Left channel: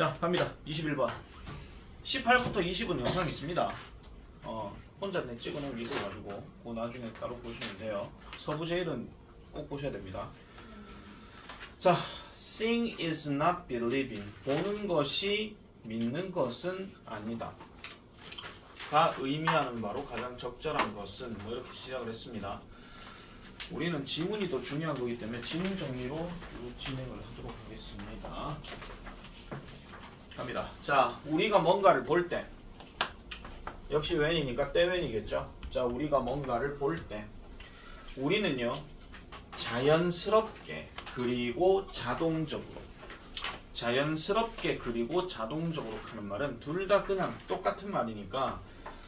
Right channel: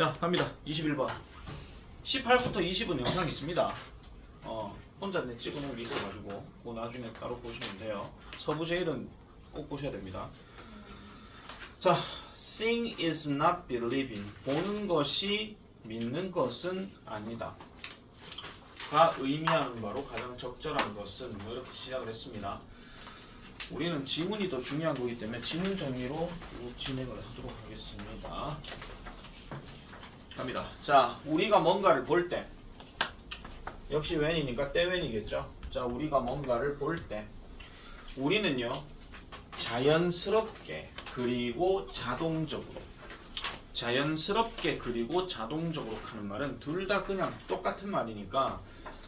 자, 갑니다. 21번. 18부터 20은 영상이 있습니다. 혼자 내 찍어놓은 게 있어가지고 그거 나중에 따로 보시면 돼요. 서부 제일은 꼭 보셔야 됩니다. 자, seeing is not believing. 보는 것이 믿는 것은 아니다. 가 의미하는 바로 가장 적절한 것은 뭐 이렇게 시작을 했습니다. 우리는 지문이 더 중요한 거기 때문에 지문 정리로 쭉 진행을 하도록 하겠습니다. 갑니다. 자, 우리가 뭔가를 볼 때 역시 when이니까 때 when이겠죠. 자, 우리가 뭔가를 볼 때 우리는요 자연스럽게 그리고 자동적으로 하는 말은 둘 다 그냥 똑같은 말이니까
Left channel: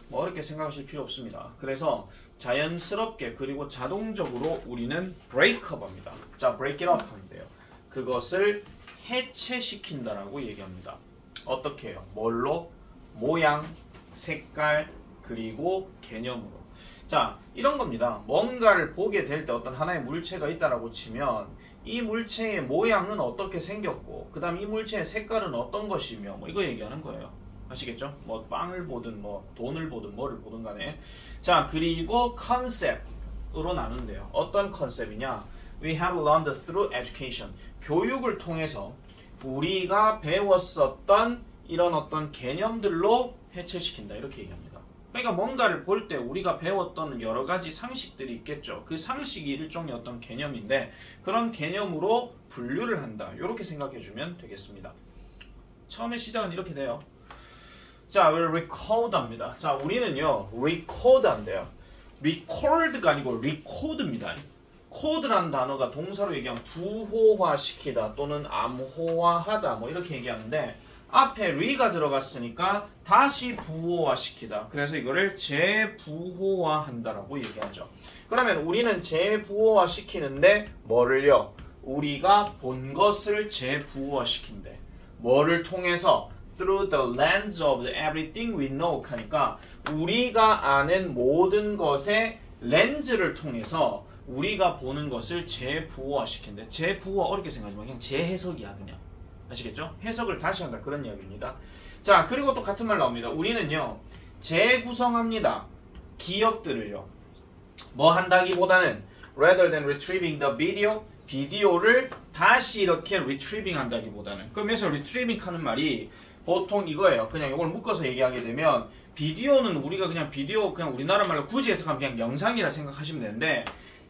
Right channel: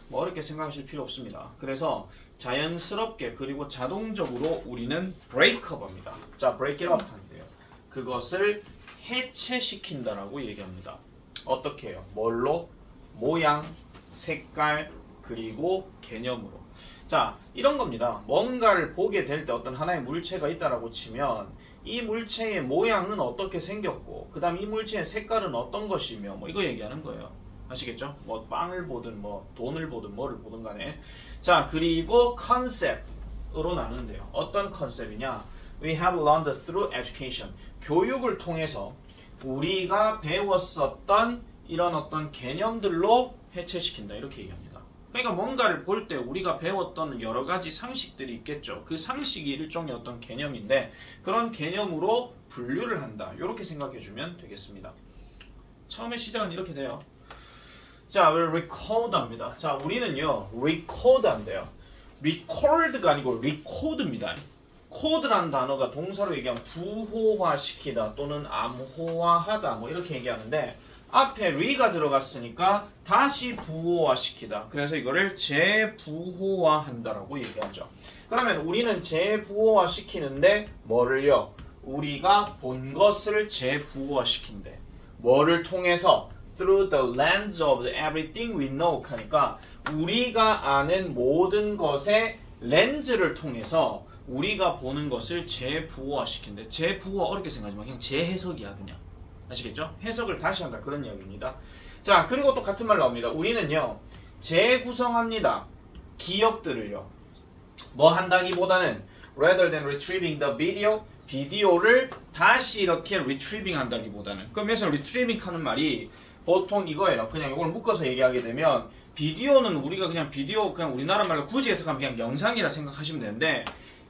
뭐 어렵게 생각하실 필요 없습니다. 그래서 자연스럽게 그리고 자동적으로 우리는 break up 합니다. 자, break it up 하는데요. 그것을 해체시킨다라고 얘기합니다. 어떻게 해요? 뭘로? 모양, 색깔, 그리고 개념으로. 자, 이런 겁니다. 뭔가를 보게 될 때 어떤 하나의 물체가 있다라고 치면 이 물체의 모양은 어떻게 생겼고 그 다음 이 물체의 색깔은 어떤 것이며 뭐 이거 얘기하는 거예요. 아시겠죠? 뭐 빵을 보든 뭐 돈을 보든 뭐를 보든 간에. 자, 그리고 컨셉으로 나누는데요. 어떤 컨셉이냐? We have learned through education. 교육을 통해서 우리가 배웠었던 이런 어떤 개념들로 해체시킨다. 이렇게 얘기합니다. 그러니까 뭔가를 볼 때 우리가 배웠던 여러 가지 상식들이 있겠죠. 그 상식이 일종의 어떤 개념인데 그런 개념으로 분류를 한다. 이렇게 생각해주면 되겠습니다. 처음에 시작은 이렇게 돼요. 자, 우리 record 합니다. 자, 우리는요 record 한대요. record가 아니고 record입니다. code라는 단어가 동사로 얘기하면 부호화시키다 또는 암호화하다 뭐 이렇게 얘기하는데 앞에 re가 들어갔으니까 다시 부호화시키다. 그래서 이거를 재부호화한다라고 얘기하죠. 그러면 우리는 재부호화시키는데 뭐를요? 우리가 본 것을 재부호화시킨대. 뭐를 통해서? Through the lens of everything we know 하니까 우리가 아는 모든 것의 렌즈를 통해서 우리가 보는 것을 재부호화시킨대. 재부호화 어렵게 생각하지만 그냥 재해석이야 그냥. 아시겠죠? 해석을 다시 한다 그런 이야기입니다. 자, 그리고 또 같은 말 나옵니다. 우리는요 재구성합니다. 기억들을요 뭐 한다기보다는 rather than retrieving the video 비디오를 다시 이렇게 retrieving 한다기보다는 그럼 여기서 retrieving 하는 말이 보통 이거예요. 그냥 이걸 묶어서 얘기하게 되면 비디오는 우리가 그냥 비디오 그냥 우리나라 말로 굳이 해석하면 그냥 영상이라 생각하시면 되는데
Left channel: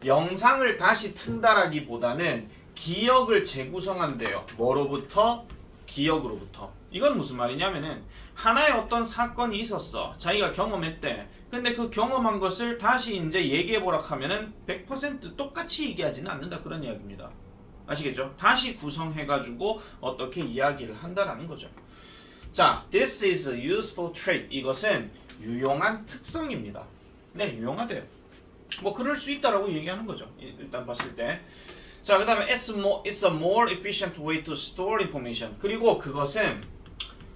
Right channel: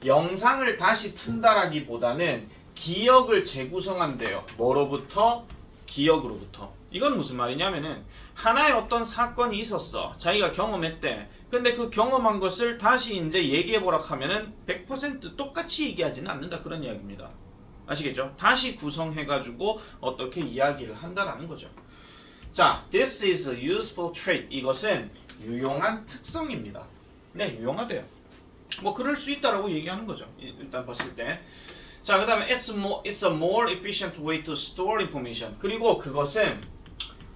영상을 다시 튼다라기보다는 기억을 재구성한대요. 뭐로부터? 기억으로부터. 이건 무슨 말이냐면은 하나의 어떤 사건이 있었어. 자기가 경험했대. 근데 그 경험한 것을 다시 이제 얘기해보라 하면은 100% 똑같이 얘기하지는 않는다 그런 이야기입니다. 아시겠죠? 다시 구성해가지고 어떻게 이야기를 한다라는 거죠. 자, this is a useful trait. 이것은 유용한 특성입니다. 네, 유용하대요. 뭐 그럴 수 있다라고 얘기하는 거죠. 일단 봤을 때. 자, 그 다음에 it's a more efficient way to store information. 그리고 그것은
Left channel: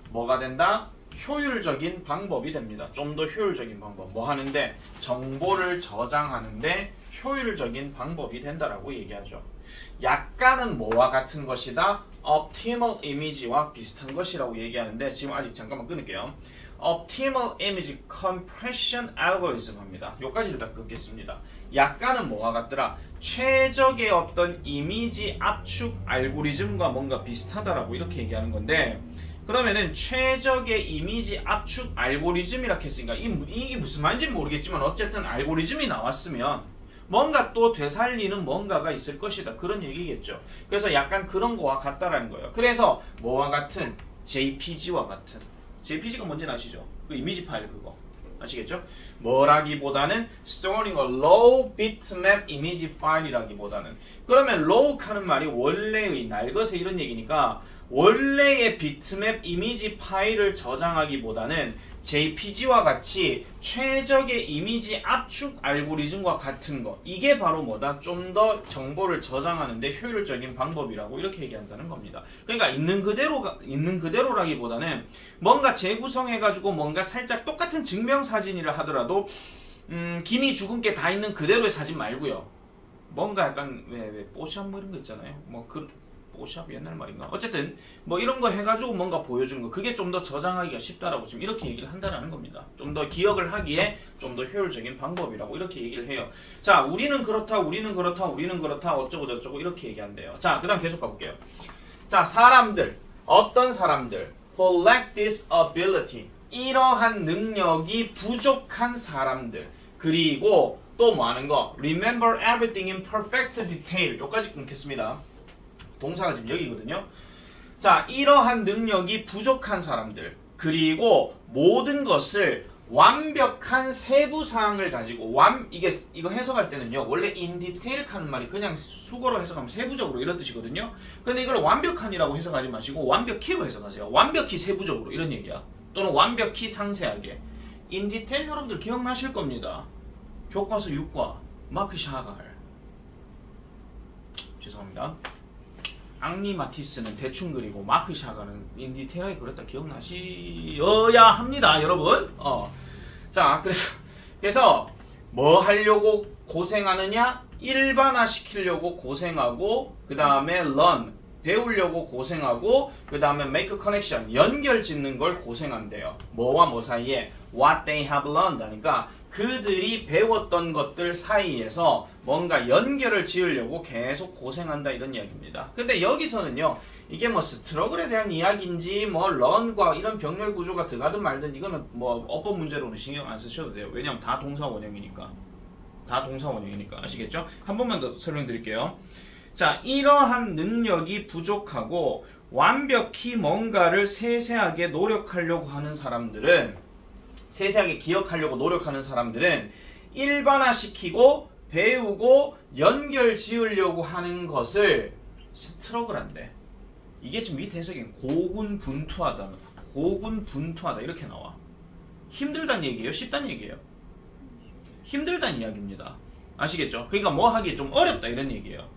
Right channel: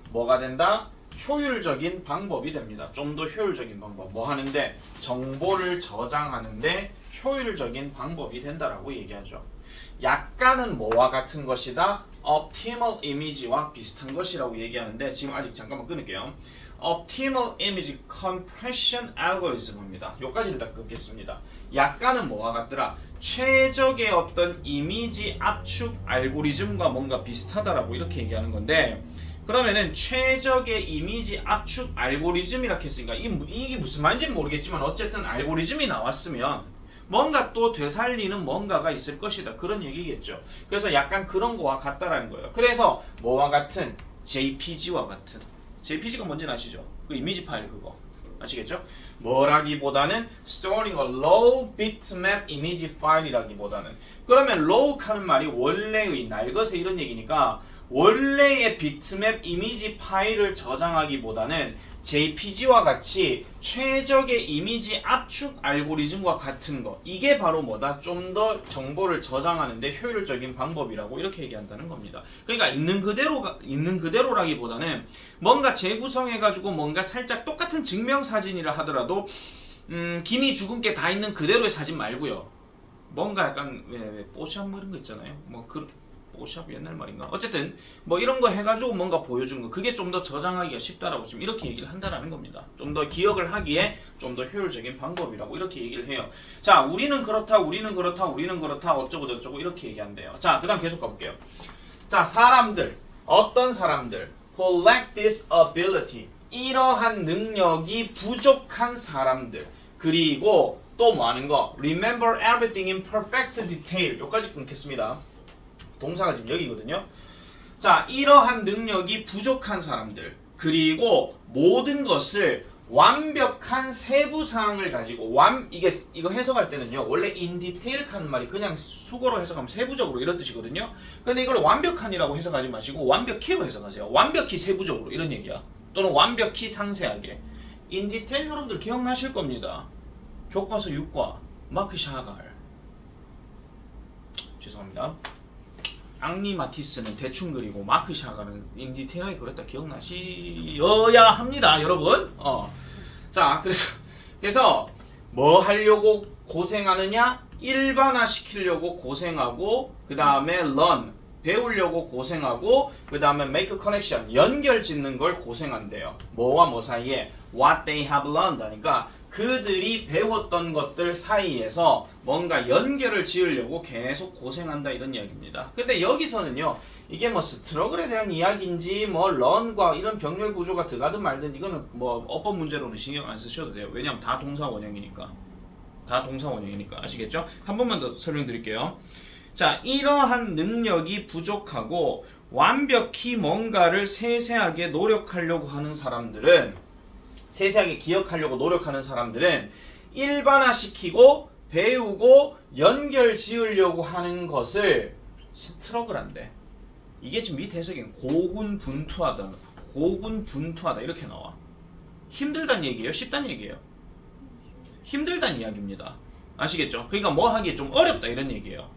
뭐가 된다? 효율적인 방법이 됩니다. 좀 더 효율적인 방법. 뭐 하는데? 정보를 저장하는데 효율적인 방법이 된다라고 얘기하죠. 약간은 뭐와 같은 것이다? optimal image와 비슷한 것이라고 얘기하는데 지금 아직 잠깐만 끊을게요. optimal image compression algorithm 합니다. 여기까지 일단 끊겠습니다. 약간은 뭐와 같더라? 최적의 어떤 이미지 압축 알고리즘과 뭔가 비슷하다라고 이렇게 얘기하는 건데 그러면은 최적의 이미지 압축 알고리즘이라고 했으니까 이게 무슨 말인지는 모르겠지만 어쨌든 알고리즘이 나왔으면 뭔가 또 되살리는 뭔가가 있을 것이다. 그런 얘기겠죠. 그래서 약간 그런 거와 같다라는 거예요. 그래서 뭐와 같은? JPG와 같은. JPG가 뭔지는 아시죠? 그 이미지 파일 그거. 아시겠죠? 뭐라기보다는 storing a low bitmap image file이라기보다는 그러면 low 하는 말이 원래의 날것의 이런 얘기니까 원래의 비트맵 이미지 파일을 저장하기보다는 JPG와 같이 최적의 이미지 압축 알고리즘과 같은 거 이게 바로 뭐다? 좀 더 정보를 저장하는데 효율적인 방법이라고 이렇게 얘기한다는 겁니다. 그러니까 있는 그대로라기보다는 뭔가 재구성해가지고 뭔가 살짝 똑같은 증명사진이라 하더라도 김이 죽은 게 다 있는 그대로의 사진 말고요. 뭔가 약간 왜 뽀샵 뭐 이런 거 있잖아요. 뭐 포샵 옛날 말인가? 어쨌든 뭐 이런 거 해가지고 뭔가 보여주는 거 그게 좀 더 저장하기가 쉽다라고 지금 이렇게 얘기를 한다라는 겁니다. 좀 더 기억을 하기에 좀 더 효율적인 방법이라고 이렇게 얘기를 해요. 자, 우리는 그렇다, 우리는 그렇다, 우리는 그렇다, 어쩌고 저쩌고 이렇게 얘기한대요. 자, 그 다음 계속 가볼게요. 자, 사람들, 어떤 사람들 who lack this ability, 이러한 능력이 부족한 사람들, 그리고 또 뭐 하는 거? Remember everything in perfect detail. 여기까지 끊겠습니다. 동사가 지금 여기거든요. 자, 이러한 능력이 부족한 사람들, 그리고 모든 것을 완벽한 세부사항을 가지고 이거 해석할 때는요, 원래 in detail 하는 말이 그냥 수거로 해석하면 세부적으로 이런 뜻이거든요. 근데 이걸 완벽한이라고 해석하지 마시고 완벽히로 해석하세요. 완벽히 세부적으로 이런 얘기야. 또는 완벽히 상세하게. in detail 여러분들 기억나실 겁니다. 교과서 6과 마크 샤갈. 죄송합니다. 앙리 마티스는 대충 그리고 마크 샤갈은 인디테일하게 그렸다 기억나시어야 합니다, 여러분. 자, 그래서 뭐 하려고 고생하느냐? 일반화 시키려고 고생하고, 그 다음에 learn 배우려고 고생하고, 그 다음에 make a connection 연결 짓는 걸 고생한대요. 뭐와 뭐 사이에? What they have learned 하니까 그들이 배웠던 것들 사이에서 뭔가 연결을 지으려고 계속 고생한다 이런 이야기입니다. 근데 여기서는요, 이게 뭐 스트러글에 대한 이야기인지 뭐 런과 이런 병렬 구조가 들어가든 말든 이거는 뭐 어법 문제로는 신경 안 쓰셔도 돼요. 왜냐면 다 동사 원형이니까. 다 동사 원형이니까. 아시겠죠? 한 번만 더 설명드릴게요. 자, 이러한 능력이 부족하고 완벽히 뭔가를 세세하게 노력하려고 하는 사람들은, 세세하게 기억하려고 노력하는 사람들은 일반화시키고 배우고 연결 지으려고 하는 것을 스트러글한데, 이게 지금 밑에 해석이 고군분투하다, 고군분투하다 이렇게 나와. 힘들다는 얘기예요? 쉽다는 얘기예요? 힘들다는 이야기입니다. 아시겠죠? 그러니까 뭐 하기 좀 어렵다 이런 얘기예요.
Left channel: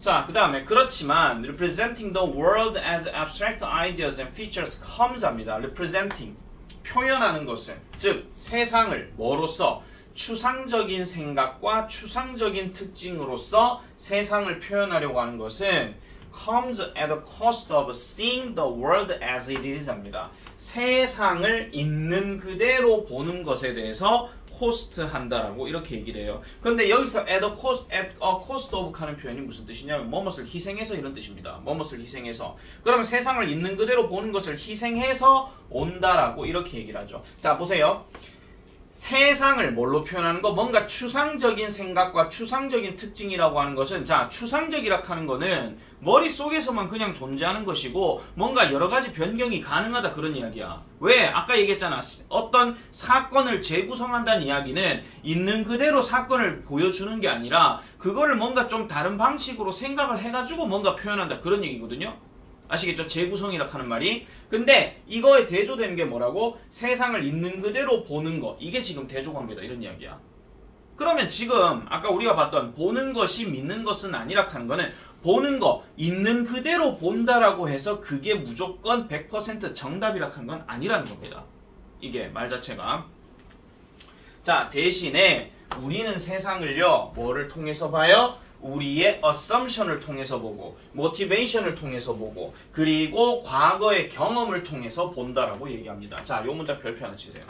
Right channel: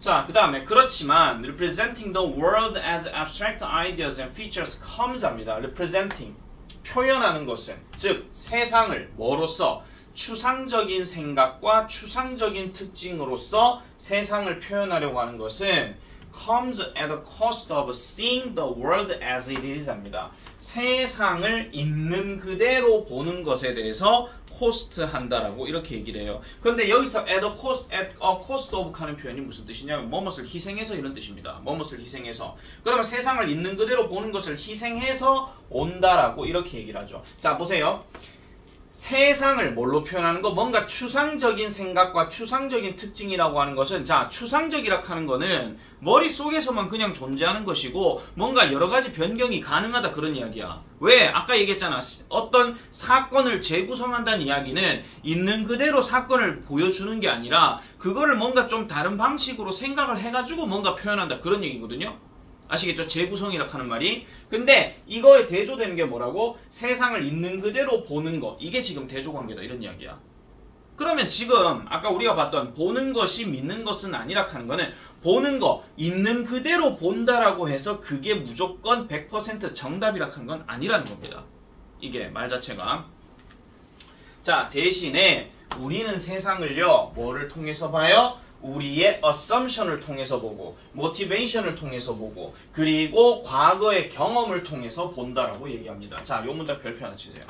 자, 그 다음에 그렇지만 representing the world as abstract ideas and features comes 합니다. representing 표현하는 것은, 즉 세상을 뭐로써? 추상적인 생각과 추상적인 특징으로서 세상을 표현하려고 하는 것은 comes at the cost of seeing the world as it is 합니다. 세상을 있는 그대로 보는 것에 대해서 cost 한다라고 이렇게 얘기를 해요. 그런데 여기서 at a cost of 하는 표현이 무슨 뜻이냐면 뭐뭇을 희생해서 이런 뜻입니다. 뭐뭇을 희생해서. 그러면 세상을 있는 그대로 보는 것을 희생해서 온다라고 이렇게 얘기를 하죠. 자, 보세요. 세상을 뭘로 표현하는 거? 뭔가 추상적인 생각과 추상적인 특징이라고 하는 것은, 자, 추상적이라고 하는 거는 머릿속에서만 그냥 존재하는 것이고 뭔가 여러 가지 변경이 가능하다 그런 이야기야. 왜? 아까 얘기했잖아. 어떤 사건을 재구성한다는 이야기는 있는 그대로 사건을 보여주는 게 아니라 그거를 뭔가 좀 다른 방식으로 생각을 해가지고 뭔가 표현한다 그런 얘기거든요. 아시겠죠? 재구성이라고 하는 말이. 근데 이거에 대조되는 게 뭐라고? 세상을 있는 그대로 보는 거. 이게 지금 대조관계다 이런 이야기야. 그러면 지금 아까 우리가 봤던 보는 것이 믿는 것은 아니라 하는 거는 보는 거, 있는 그대로 본다라고 해서 그게 무조건 100% 정답이라 하는 건 아니라는 겁니다. 이게 말 자체가. 자, 대신에 우리는 세상을요, 뭐를 통해서 봐요? 우리의 assumption을 통해서 보고, motivation을 통해서 보고, 그리고 과거의 경험을 통해서 본다라고 얘기합니다. 자, 요 문장 별표 하나 치세요.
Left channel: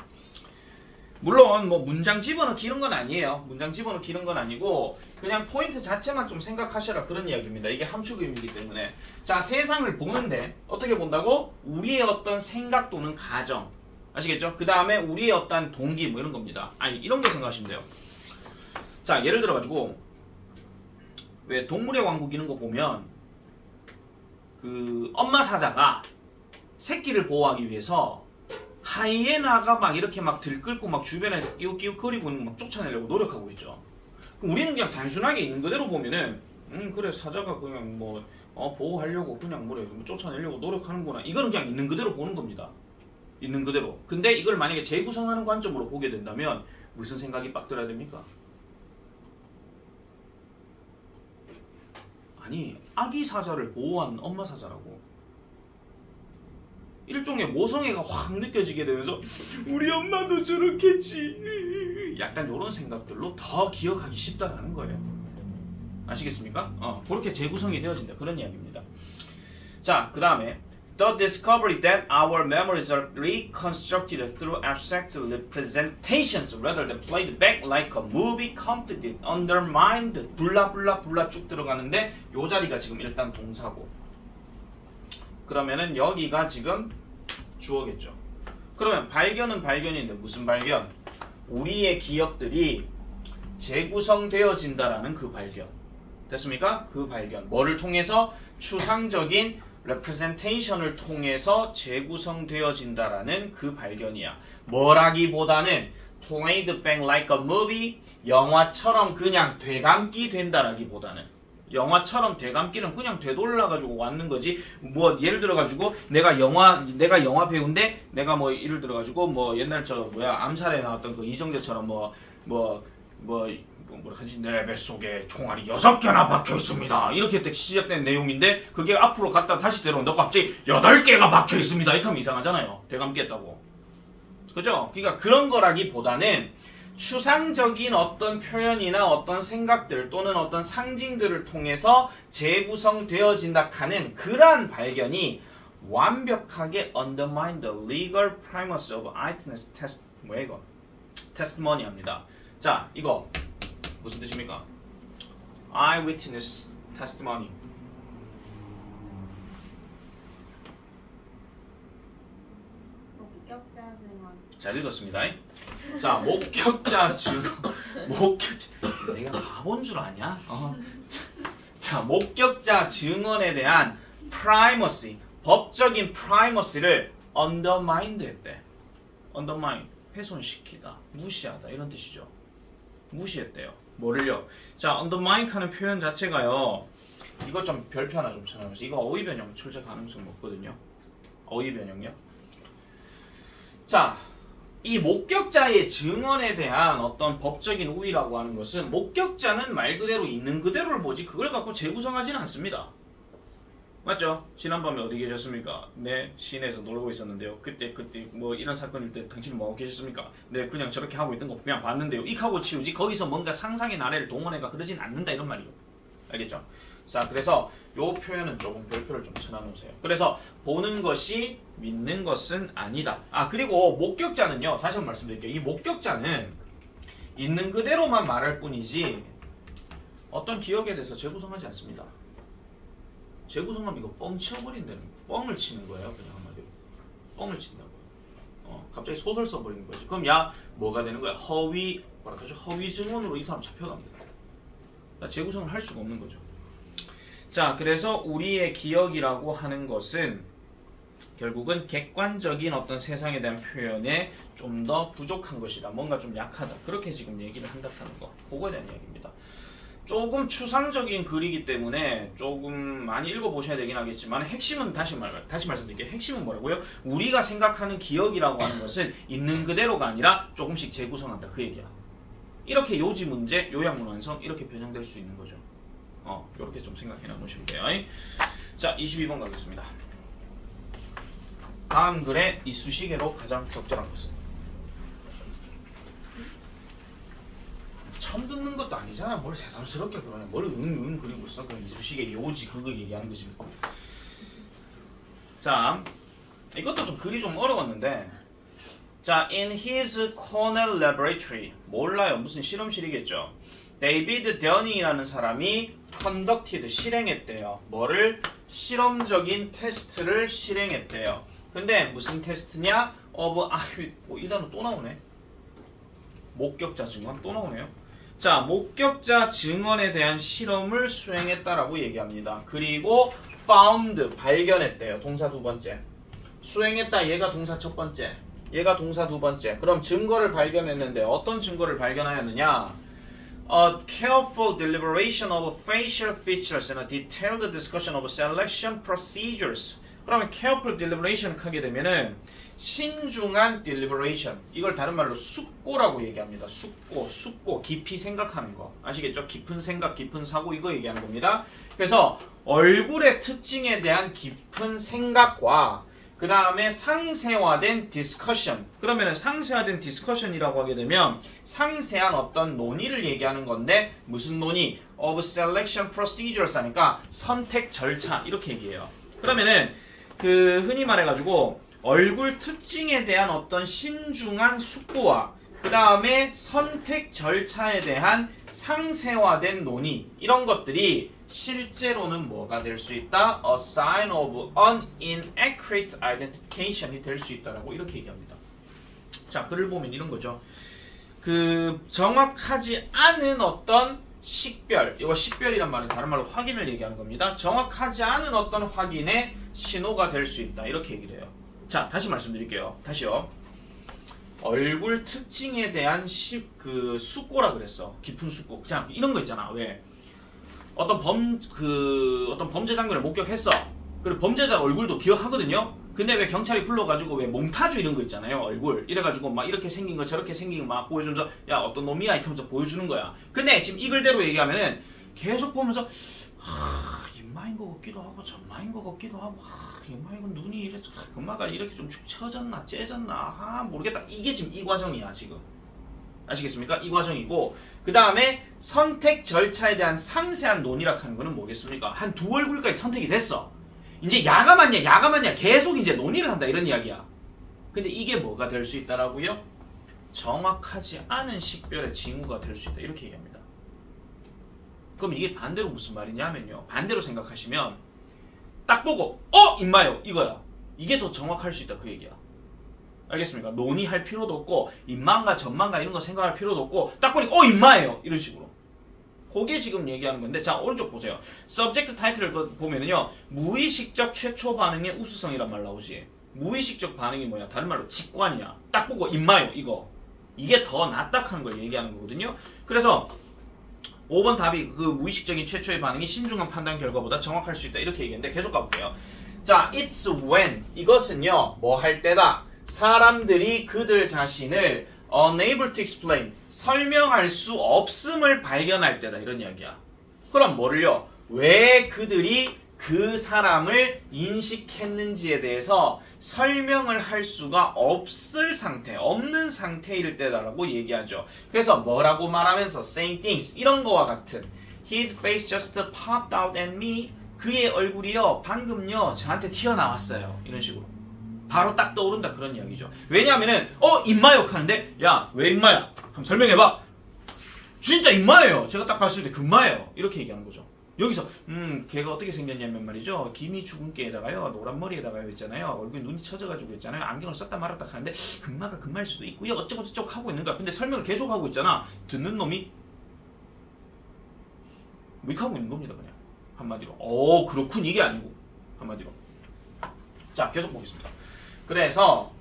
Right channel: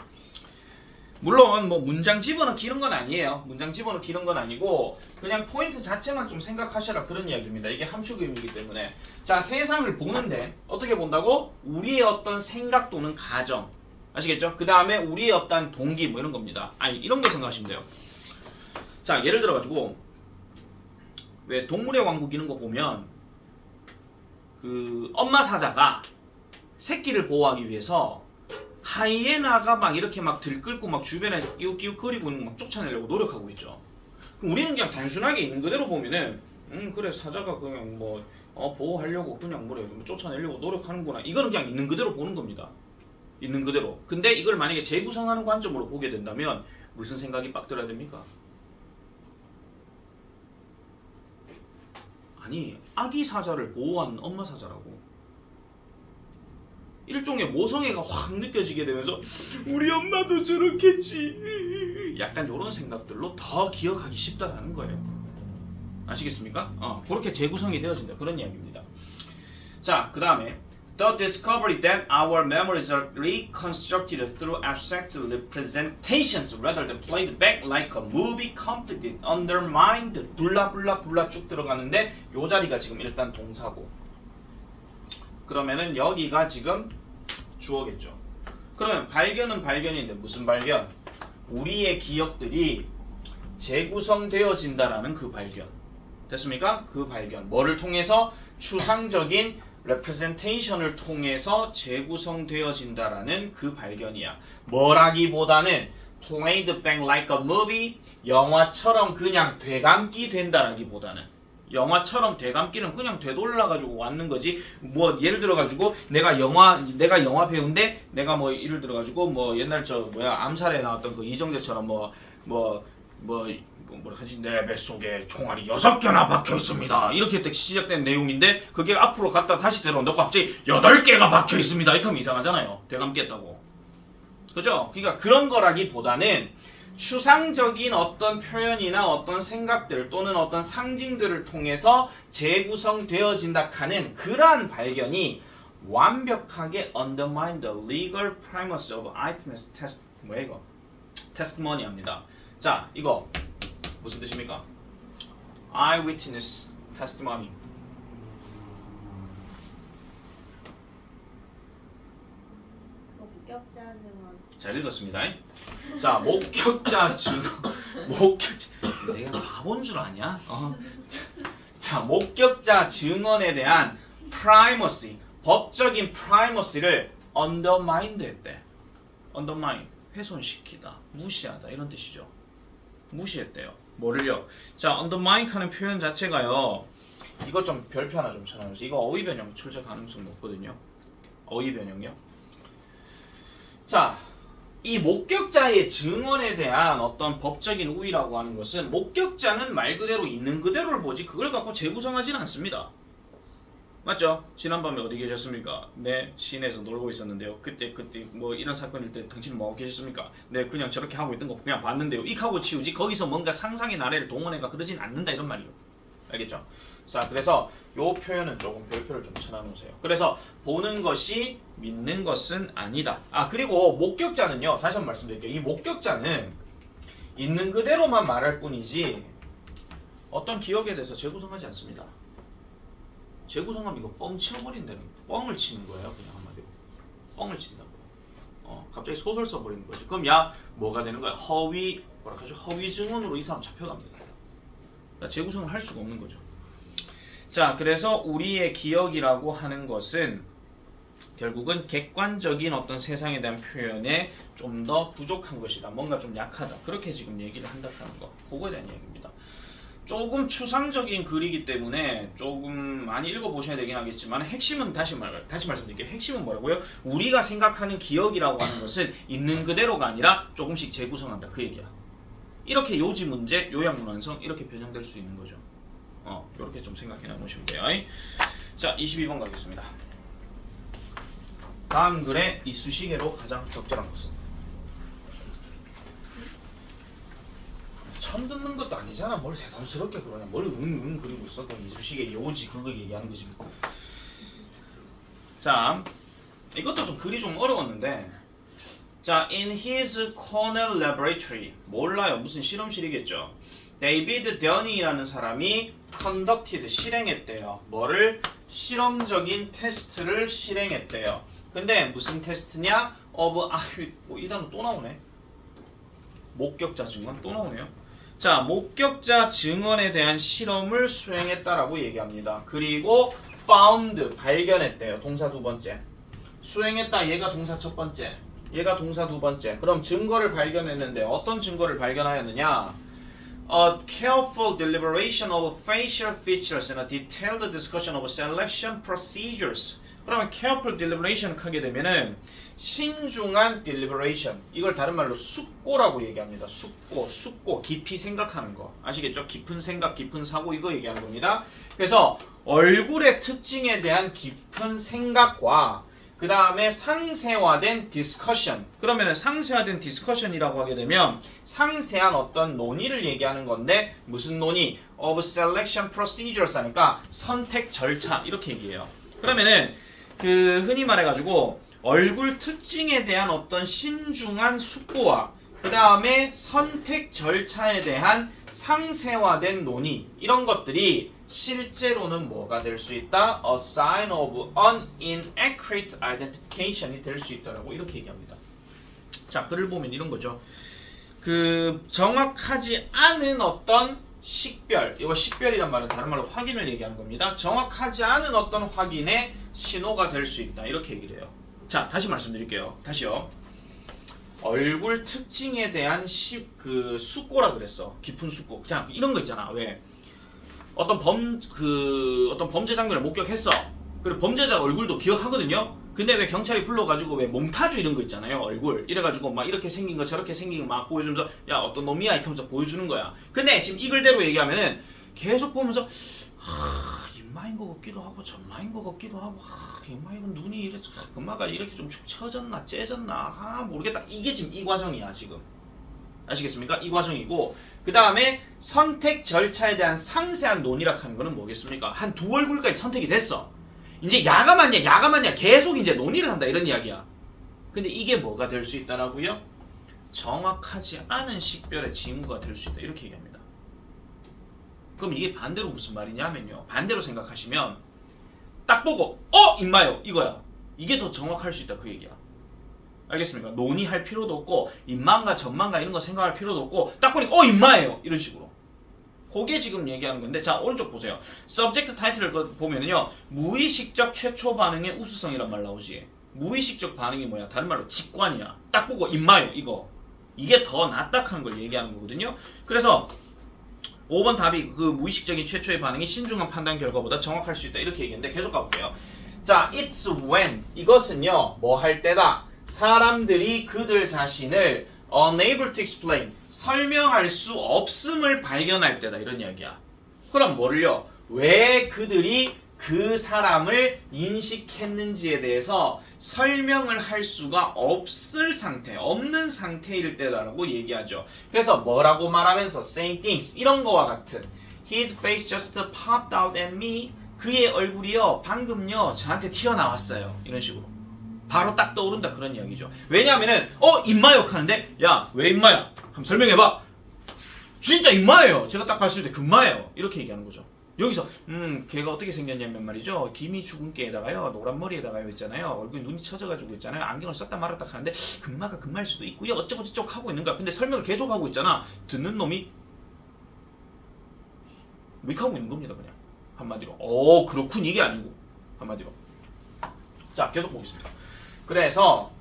물론 뭐 문장 집어넣기 이런 건 아니에요. 문장 집어넣기 이런 건 아니고 그냥 포인트 자체만 좀 생각하셔라 그런 이야기입니다. 이게 함축의미이기 때문에. 자, 세상을 보는데 어떻게 본다고? 우리의 어떤 생각 또는 가정. 아시겠죠? 그 다음에 우리의 어떤 동기 뭐 이런 겁니다. 아니, 이런 거 생각하시면 돼요. 자, 예를 들어 가지고 왜 동물의 왕국 이런 거 보면 그 엄마 사자가 새끼를 보호하기 위해서 하이에나가 막 이렇게 막 들끓고 막 주변에 이웃거리고 막 쫓아내려고 노력하고 있죠. 그럼 우리는 그냥 단순하게 있는 그대로 보면은 그래 사자가 그냥 뭐 보호하려고 그냥 뭐래 쫓아내려고 노력하는구나. 이거는 그냥 있는 그대로 보는 겁니다. 있는 그대로. 근데 이걸 만약에 재구성하는 관점으로 보게 된다면 무슨 생각이 빡 들어야 됩니까? 아니, 아기 사자를 보호하는 엄마 사자라고. 일종의 모성애가 확 느껴지게 되면서 우리 엄마도 저렇겠지. 약간 이런 생각들로 더 기억하기 쉽다라는 거예요. 아시겠습니까? 그렇게 재구성이 되어진다. 그런 이야기입니다. 자, 그 다음에 The discovery that our memories are reconstructed through abstract representations rather than played back like a movie completed, undermined, 블라블라블라 쭉 들어가는데 요 자리가 지금 일단 동사고 그러면은 여기가 지금 주어겠죠. 그러면 발견은 발견인데 무슨 발견? 우리의 기억들이 재구성되어진다라는 그 발견. 됐습니까? 그 발견. 뭐를 통해서? 추상적인 representation을 통해서 재구성되어진다라는 그 발견이야. 뭐라기보다는 played back like a movie, 영화처럼 그냥 되감기 된다라기보다는 영화처럼 되감기는 그냥 되돌아가지고 왔는 거지. 뭐 예를 들어가지고 내가 영화 배우인데 내가 뭐 예를 들어가지고 뭐 옛날 암살에 나왔던 그 이정재처럼 뭐라 하지? 내 뱃속에 총알이 6개나 박혀있습니다. 이렇게 딱 시작된 내용인데 그게 앞으로 갔다 다시 들어온다. 갑자기 8개가 박혀있습니다. 이렇게 하면 이상하잖아요. 되감기했다고. 그죠? 그러니까 그런 거라기보다는 추상적인 어떤 표현이나 어떤 생각들 또는 어떤 상징들을 통해서 재구성되어진다 하는 그러한 발견이 완벽하게 undermine the legal premise of eyewitness testimony 합니다. 자, 이거 무슨 뜻입니까? eyewitness testimony. 목격자 증언. 잘 읽었습니다. 자, 목격자 증언. 내가 바본 줄 아냐? 자, 목격자 증언에 대한 primacy, 법적인 primacy를 undermined 했대. undermine, 훼손시키다, 무시하다 이런 뜻이죠. 무시했대요. 뭐를요? 자, undermine 하는 표현 자체가요. 이거 좀 별표 하나 좀 쳐놔보세요. 이거 어휘 변형 출제 가능성 높거든요. 어휘 변형요. 자, 이 목격자의 증언에 대한 어떤 법적인 우위라고 하는 것은 목격자는 말 그대로 있는 그대로를 보지 그걸 갖고 재구성하지는 않습니다. 맞죠? 지난밤에 어디 계셨습니까? 네, 시내에서 놀고 있었는데요. 그때 뭐 이런 사건일 때 당신은 뭐하고 계셨습니까? 네, 그냥 저렇게 하고 있던 거 그냥 봤는데요. 익하고 치우지 거기서 뭔가 상상의 나래를 동원해가 그러진 않는다 이런 말이에요. 알겠죠? 자, 그래서 요 표현은 조금 별표를 좀 쳐놔놓으세요. 그래서 보는 것이 믿는 것은 아니다. 그리고 목격자는요. 다시 한번 말씀드릴게요. 이 목격자는 있는 그대로만 말할 뿐이지 어떤 기억에 대해서 재구성하지 않습니다. 재구성하면 이거 뻥 치워버린다는 뻥을 치는 거예요. 그냥 한마디로 뻥을 친다고요. 갑자기 소설 써버리는 거지. 그럼 뭐가 되는 거야? 허위 증언으로 이 사람 잡혀갑니다. 그러니까 재구성을 할 수가 없는 거죠. 자, 그래서 우리의 기억이라고 하는 것은 결국은 객관적인 어떤 세상에 대한 표현에 좀 더 부족한 것이다. 뭔가 좀 약하다. 그렇게 지금 얘기를 한다는 거. 그거에 대한 얘기입니다. 조금 추상적인 글이기 때문에 조금 많이 읽어보셔야 되긴 하겠지만 핵심은 다시 말씀드릴게요. 핵심은 뭐라고요? 우리가 생각하는 기억이라고 하는 것은 있는 그대로가 아니라 조금씩 재구성한다. 그 얘기야. 이렇게 요지 문제, 요약문 완성 이렇게 변형될 수 있는 거죠. 이렇게 좀 생각해 놓으시면 돼요. 자, 22번 가겠습니다. 다음 글의 이쑤시개로 가장 적절한 것은? 처음 듣는 것도 아니잖아. 뭘 새삼스럽게 그러냐. 뭘 응응 그리고 있어. 그럼 이쑤시개 요지 그거 얘기하는 거지. 자, 이것도 좀 글이 좀 어려웠는데 자, in his Cornell laboratory 몰라요. 무슨 실험실이겠죠. 데이비드 더닝이라는 사람이 conducted 실행했대요. 뭐를? 실험적인 테스트를 실행했대요. 근데 무슨 테스트냐? 이 단어 또 나오네. 목격자 증언 또 나오네요. 자, 목격자 증언에 대한 실험을 수행했다라고 얘기합니다. 그리고 found 발견했대요. 동사 두 번째. 수행했다 얘가 동사 첫 번째. 얘가 동사 두 번째. 그럼 증거를 발견했는데 어떤 증거를 발견하였느냐? A careful deliberation of facial features and a detailed discussion of selection procedures. 그러면 careful deliberation 하게 되면은 신중한 deliberation. 이걸 다른 말로 숙고라고 얘기합니다. 숙고. 깊이 생각하는 거. 아시겠죠? 깊은 생각, 깊은 사고 이거 얘기하는 겁니다. 그래서 얼굴의 특징에 대한 깊은 생각과 그 다음에 상세화된 discussion. 그러면 상세화된 discussion이라고 하게 되면 상세한 어떤 논의를 얘기하는 건데 무슨 논의? of selection procedures 하니까 선택 절차 이렇게 얘기해요. 그러면은 그 흔히 말해가지고 얼굴 특징에 대한 어떤 신중한 숙고와 그 다음에 선택 절차에 대한 상세화된 논의 이런 것들이 실제로는 뭐가 될 수 있다? A sign of inaccurate identification이 될 수 있다라고 이렇게 얘기합니다. 자, 글을 보면 이런 거죠. 그 정확하지 않은 어떤 식별, 이거 식별이란 말은 다른 말로 확인을 얘기하는 겁니다. 정확하지 않은 어떤 확인의 신호가 될 수 있다 이렇게 얘기를 해요. 자, 다시 말씀드릴게요. 다시요. 얼굴 특징에 대한 그 숙고라 그랬어. 깊은 숙고. 자, 이런 거 있잖아. 왜? 어떤 범죄 장면을 목격했어. 그리고 범죄자 얼굴도 기억하거든요. 근데 왜 경찰이 불러가지고 왜 몽타주 이런 거 있잖아요. 얼굴 이래가지고 막 이렇게 생긴 거 저렇게 생긴 거 막 보여주면서 야 어떤 놈이야 이렇게 하면서 보여주는 거야. 근데 지금 이 글대로 얘기하면은 계속 보면서 인마인 거 같기도 하고 전마인 거 같기도 하고 인마이건 눈이 이래 금마가 이렇게 좀 축 처졌나 째졌나 모르겠다. 이게 지금 이 과정이야 지금. 아시겠습니까? 이 과정이고 그 다음에 선택 절차에 대한 상세한 논의라 하는 거는 뭐겠습니까? 한 두 얼굴까지 선택이 됐어. 이제 야가 맞냐 계속 이제 논의를 한다 이런 이야기야. 근데 이게 뭐가 될 수 있다라고요? 정확하지 않은 식별의 징후가 될 수 있다 이렇게 얘기합니다. 그럼 이게 반대로 무슨 말이냐면요. 반대로 생각하시면 딱 보고 임마요 이거야. 이게 더 정확할 수 있다 그 얘기야. 알겠습니까? 논의할 필요도 없고 인마인가 전마인가 이런 거 생각할 필요도 없고 딱 보니까 인마예요 이런 식으로. 그게 지금 얘기하는 건데 자 오른쪽 보세요. subject title을 보면은요 무의식적 최초 반응의 우수성이란 말 나오지. 무의식적 반응이 뭐야? 다른 말로 직관이야. 딱 보고 인마요 이거. 이게 더 낫다 하는 걸 얘기하는 거거든요. 그래서 5번 답이 그 무의식적인 최초의 반응이 신중한 판단 결과보다 정확할 수 있다 이렇게 얘기했는데 계속 가볼게요. 자 it's when 이것은요 뭐 할 때다. 사람들이 그들 자신을 unable to explain 설명할 수 없음을 발견할 때다 이런 이야기야. 그럼 뭐를요? 왜 그들이 그 사람을 인식했는지에 대해서 설명을 할 수가 없는 상태일 때다라고 얘기하죠. 그래서 뭐라고 말하면서 saying things 이런 거와 같은 His face just popped out at me 그의 얼굴이요 방금요 저한테 튀어나왔어요 이런 식으로 바로 딱 떠오른다 그런 이야기죠. 왜냐하면은 인마 욕하는데 야 왜 인마야? 한번 설명해봐. 진짜 인마예요. 제가 딱 봤을 때 금마예요. 이렇게 얘기하는 거죠. 여기서 걔가 어떻게 생겼냐면 말이죠. 김이 죽은 깨에다가요 노란 머리에다가요 있잖아요. 얼굴 눈이 처져가지고 있잖아요. 안경을 썼다 말았다 하는데 금마가 금마일 수도 있고요. 어쩌고 저쩌고 하고 있는 거야. 근데 설명을 계속 하고 있잖아. 듣는 놈이 윅하고 있는 겁니다. 그냥 한마디로 그렇군 이게 아니고 한마디로. 자 계속 보겠습니다. 그래서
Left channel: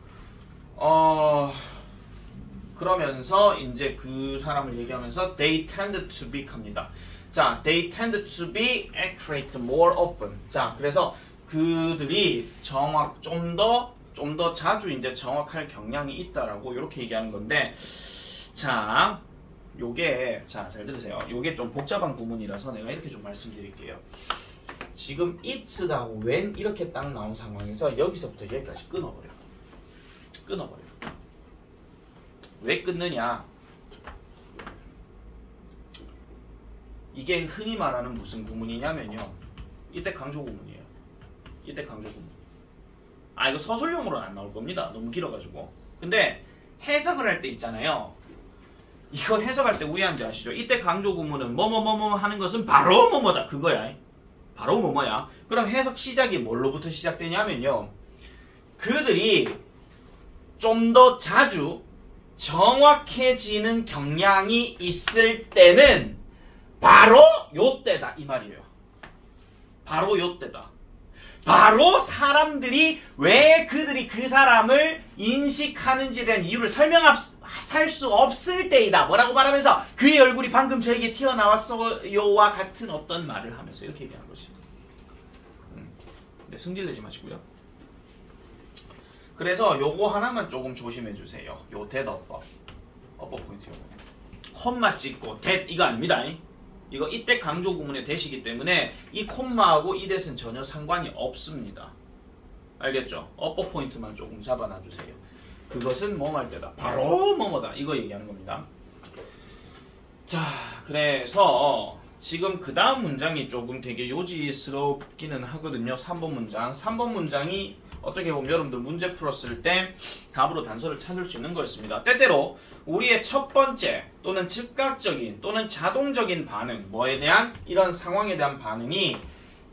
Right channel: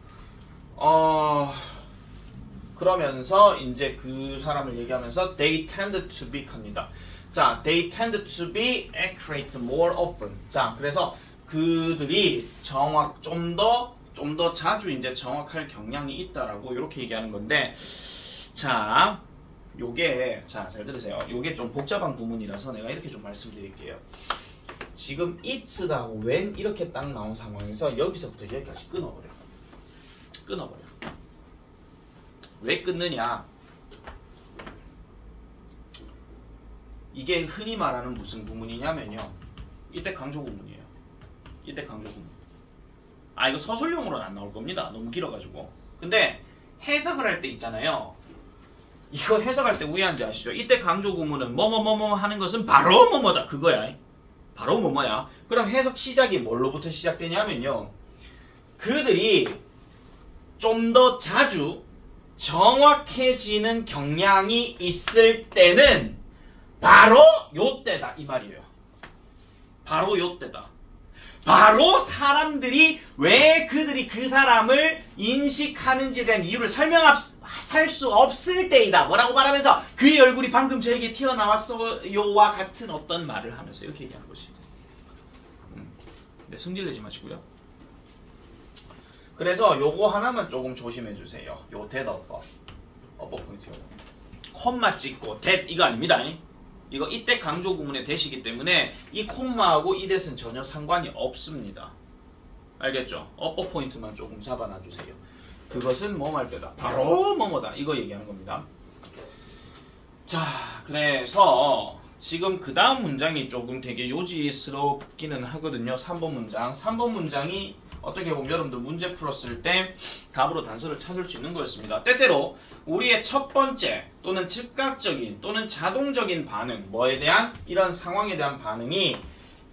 그러면서 이제 그 사람을 얘기하면서 they tend to be 합니다. 자, they tend to be accurate more often. 자, 그래서 그들이 좀 더 자주 이제 정확할 경향이 있다라고 이렇게 얘기하는 건데, 자, 요게 잘 들으세요. 요게 좀 복잡한 구문이라서 내가 이렇게 좀 말씀드릴게요. 지금 it'하고 when 이렇게 딱 나온 상황에서 여기서부터 여기까지 끊어버려. 왜 끊느냐? 이게 흔히 말하는 무슨 구문이냐면요. 이때 강조 구문이에요. 이때 강조 구문. 이거 서술형으로는 안 나올 겁니다. 너무 길어가지고. 근데 해석을 할 때 있잖아요. 이거 해석할 때 우회한 줄 아시죠? 이때 강조 구문은 뭐뭐뭐뭐 하는 것은 바로 뭐뭐다. 그거야. 바로 뭐뭐야. 그럼 해석 시작이 뭘로부터 시작되냐면요. 그들이 좀 더 자주 정확해지는 경향이 있을 때는 바로 요때다 이 말이에요. 바로 요때다. 바로 사람들이 왜 그들이 그 사람을 인식하는지에 대한 이유를 설명할 수 없을 때이다. 뭐라고 말하면서 그의 얼굴이 방금 저에게 튀어나왔어요와 같은 어떤 말을 하면서 이렇게 얘기하는 것이. 네, 승질내지 마시고요. 그래서 요거 하나만 조금 조심해 주세요. 요 that 어법 포인트 요거. 콤마 찍고 that 이거 아닙니다. 이거 이때 강조 구문의 that이기 때문에 이 콤마하고 이 that은 전혀 상관이 없습니다. 알겠죠? 업보 포인트만 조금 잡아놔주세요. 그것은 뭐뭐 할 때다. 바로 뭐뭐다. 이거 얘기하는 겁니다. 자, 그래서 지금 그 다음 문장이 조금 되게 요지스럽기는 하거든요. 3번 문장. 3번 문장이 어떻게 보면 여러분들 문제 풀었을 때 답으로 단서를 찾을 수 있는 거였습니다. 때때로 우리의 첫 번째 또는 즉각적인 또는 자동적인 반응, 뭐에 대한 이런 상황에 대한 반응이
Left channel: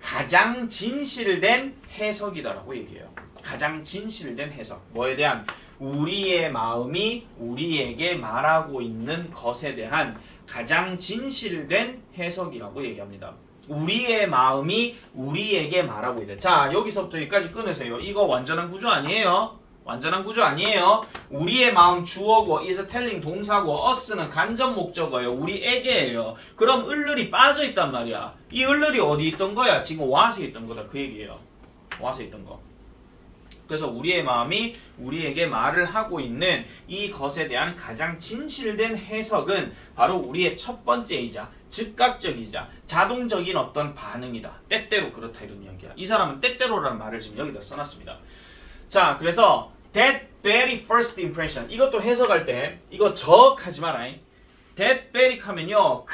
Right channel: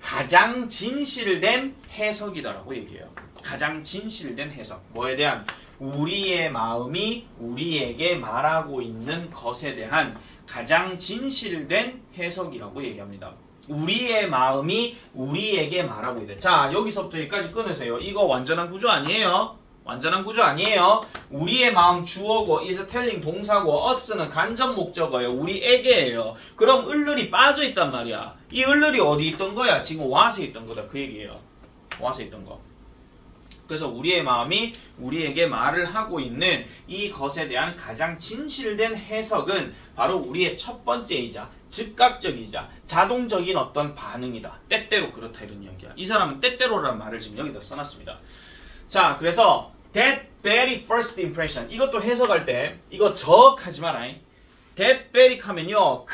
가장 진실된 해석이다라고 얘기해요. 가장 진실된 해석. 뭐에 대한? 우리의 마음이 우리에게 말하고 있는 것에 대한 가장 진실된 해석이라고 얘기합니다. 우리의 마음이 우리에게 말하고 있대. 자, 여기서부터 여기까지 끊으세요. 이거 완전한 구조 아니에요. 완전한 구조 아니에요. 우리의 마음 주어고 is telling 동사고 us는 간접 목적어예요. 우리에게예요. 그럼 을을이 빠져 있단 말이야. 이 을을이 어디 있던 거야? 지금 와서 있던 거다. 그 얘기예요. 와서 있던 거. 그래서 우리의 마음이 우리에게 말을 하고 있는 이것에 대한 가장 진실된 해석은 바로 우리의 첫 번째이자 즉각적이자 자동적인 어떤 반응이다. 때때로 그렇다 이런 이야기야. 이 사람은 때때로라는 말을 지금 여기다 써놨습니다. 자, 그래서 that very first impression 이것도 해석할 때 이거 적하지 마라. that very 하면요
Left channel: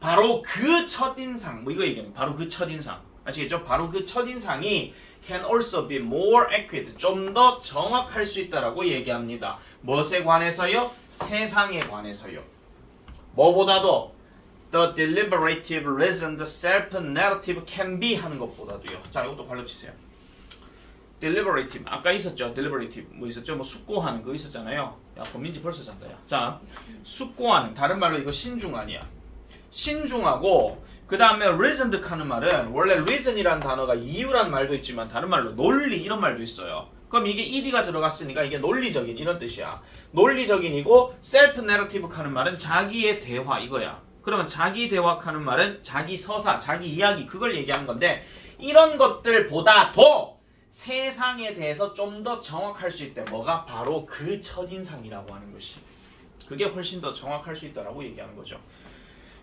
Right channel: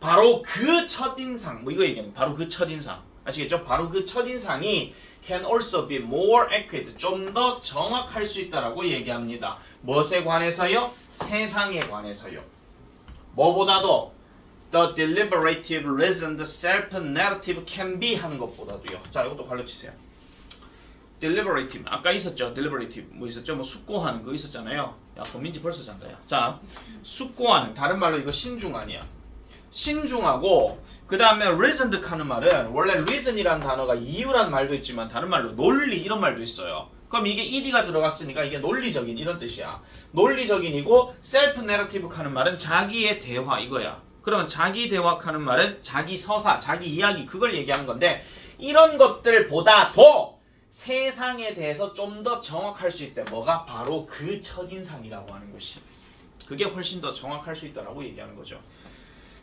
바로 그 첫인상 뭐 이거 얘기하는 바로 그 첫인상 아시겠죠? 바로 그 첫인상이 can also be more accurate 좀 더 정확할 수 있다라고 얘기합니다. 무엇에 관해서요? 세상에 관해서요. 뭐보다도 the deliberative reasoned self-narrative can be 하는 것보다도요. 자, 이것도 발로 치세요. deliberative 아까 있었죠? deliberative 뭐 있었죠? 뭐 숙고하는 거 있었잖아요. 야, 범민지 벌써 잔다. 야. 자, 숙고하는 다른 말로 이거 신중하냐? 신중하고 그 다음에 reasoned 하는 말은 원래 reason이라는 단어가 이유란 말도 있지만 다른 말로 논리 이런 말도 있어요. 그럼 이게 ed가 들어갔으니까 이게 논리적인 이런 뜻이야. 논리적인이고 self-narrative 하는 말은 자기의 대화 이거야. 그러면 자기 대화하는 말은 자기 서사, 자기 이야기 그걸 얘기하는 건데 이런 것들보다도 세상에 대해서 좀 더 정확할 수 있대. 뭐가? 바로 그 첫인상이라고 하는 것이. 그게 훨씬 더 정확할 수 있다라고 얘기하는 거죠.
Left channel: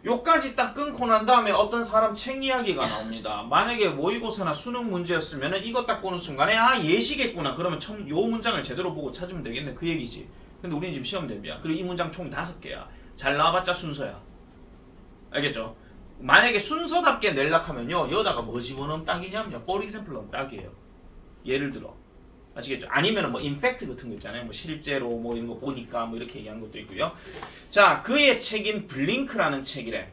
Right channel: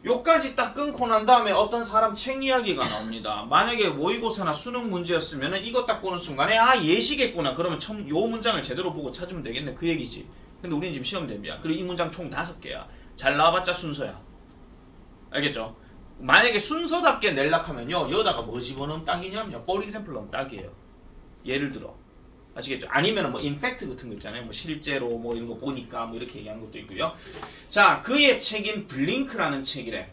요까지 딱 끊고 난 다음에 어떤 사람 책 이야기가 나옵니다. 만약에 모의고사나 수능 문제였으면 이거 딱 보는 순간에 아 예시겠구나. 그러면 요 문장을 제대로 보고 찾으면 되겠네. 그 얘기지. 근데 우리는 지금 시험 대비야. 그리고 이 문장 총 5개야. 잘 나와봤자 순서야. 알겠죠? 만약에 순서답게 내려고 하면요. 여기다가 뭐 집어넣으면 딱이냐면요. for example 넣으면 딱이에요. 예를 들어. 아시겠죠? 아니면 뭐 인팩트 같은 거 있잖아요. 뭐 실제로 뭐 이런 거 보니까 뭐 이렇게 얘기하는 것도 있고요. 자, 그의 책인 블링크라는 책이래.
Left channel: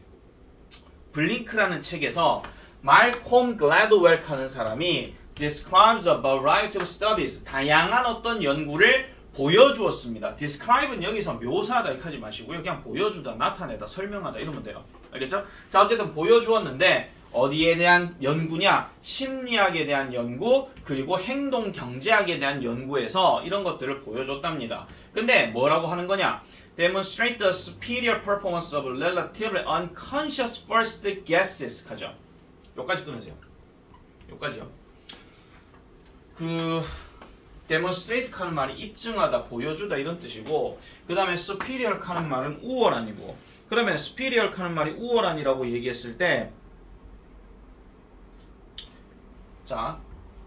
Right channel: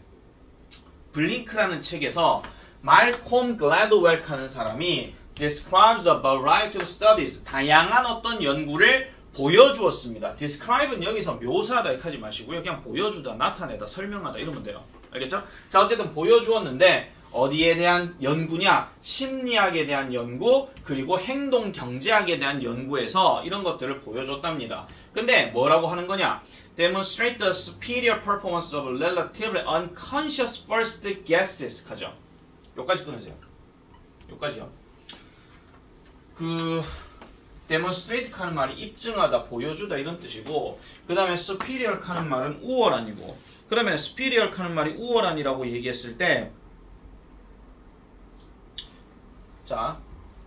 블링크라는 책에서 말콤 글래드웰 하는 사람이 describes a variety of studies 다양한 어떤 연구를 보여주었습니다. describe는 여기서 묘사하다 이렇게 하지 마시고요. 그냥 보여주다, 나타내다, 설명하다 이러면 돼요. 알겠죠? 자, 어쨌든 보여주었는데 어디에 대한 연구냐? 심리학에 대한 연구 그리고 행동 경제학에 대한 연구에서 이런 것들을 보여줬답니다. 근데 뭐라고 하는 거냐? Demonstrate the superior performance of relatively unconscious first guesses 하죠. 여기까지 끊으세요. 여기까지요. demonstrate 하는 말이 입증하다, 보여주다 이런 뜻이고 그 다음에 superior 하는 말은 우월한이고 그러면 superior 하는 말이 우월한이라고 얘기했을 때 자,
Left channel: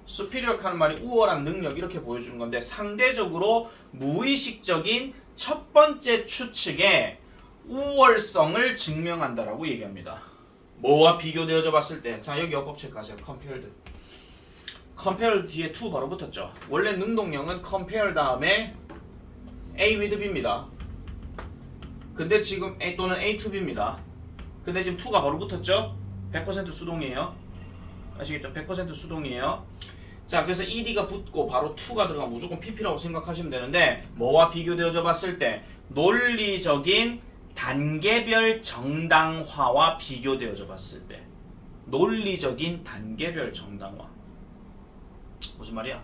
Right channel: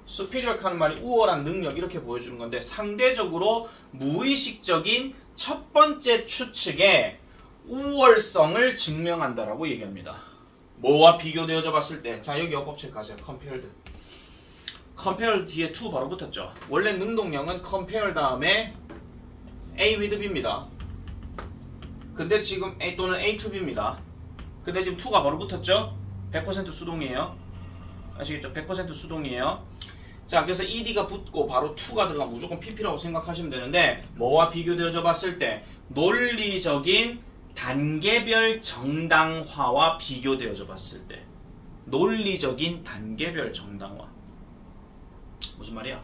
superior 하는 말이 우월한 능력 이렇게 보여주는 건데 상대적으로 무의식적인 첫 번째 추측의 우월성을 증명한다라고 얘기합니다. 뭐와 비교되어져 봤을 때 자, 여기 어법책 가세요. compared. compare 뒤에 to 바로 붙었죠. 원래 능동형은 compare 다음에 A with B입니다. 근데 지금 A 또는 A to B입니다. 근데 지금 to가 바로 붙었죠. 100% 수동이에요. 아시겠죠? 100% 수동이에요. 자, 그래서 ed가 붙고 바로 to가 들어가면 무조건 pp라고 생각하시면 되는데 뭐와 비교되어져 봤을 때 논리적인 단계별 정당화와 비교되어져 봤을 때 논리적인 단계별 정당화 무슨 말이야?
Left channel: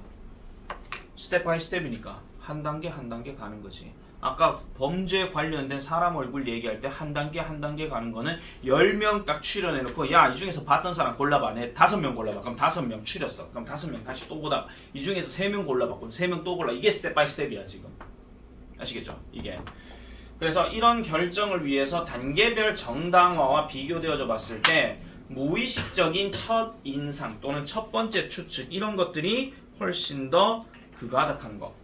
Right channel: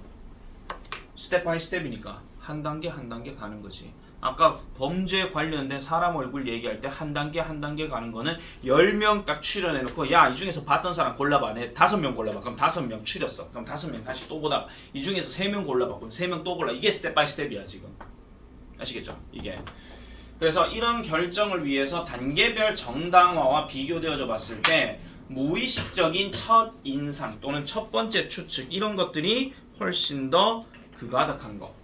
스텝 바이 스텝이니까 한 단계 한 단계 가는 거지. 아까 범죄 관련된 사람 얼굴 얘기할 때 한 단계 한 단계 가는 거는 10명 딱 추려내놓고 야, 이 중에서 봤던 사람 골라봐. 내 5명 골라봐. 그럼 5명 추렸어. 그럼 5명 다시 또 보다 이 중에서 3명 골라봐. 그럼 3명 또 골라. 이게 스텝 바이 스텝이야 지금. 아시겠죠? 이게. 그래서 이런 결정을 위해서 단계별 정당화와 비교되어져 봤을 때 무의식적인 첫 인상 또는 첫 번째 추측 이런 것들이 훨씬 더 그가닥한 거,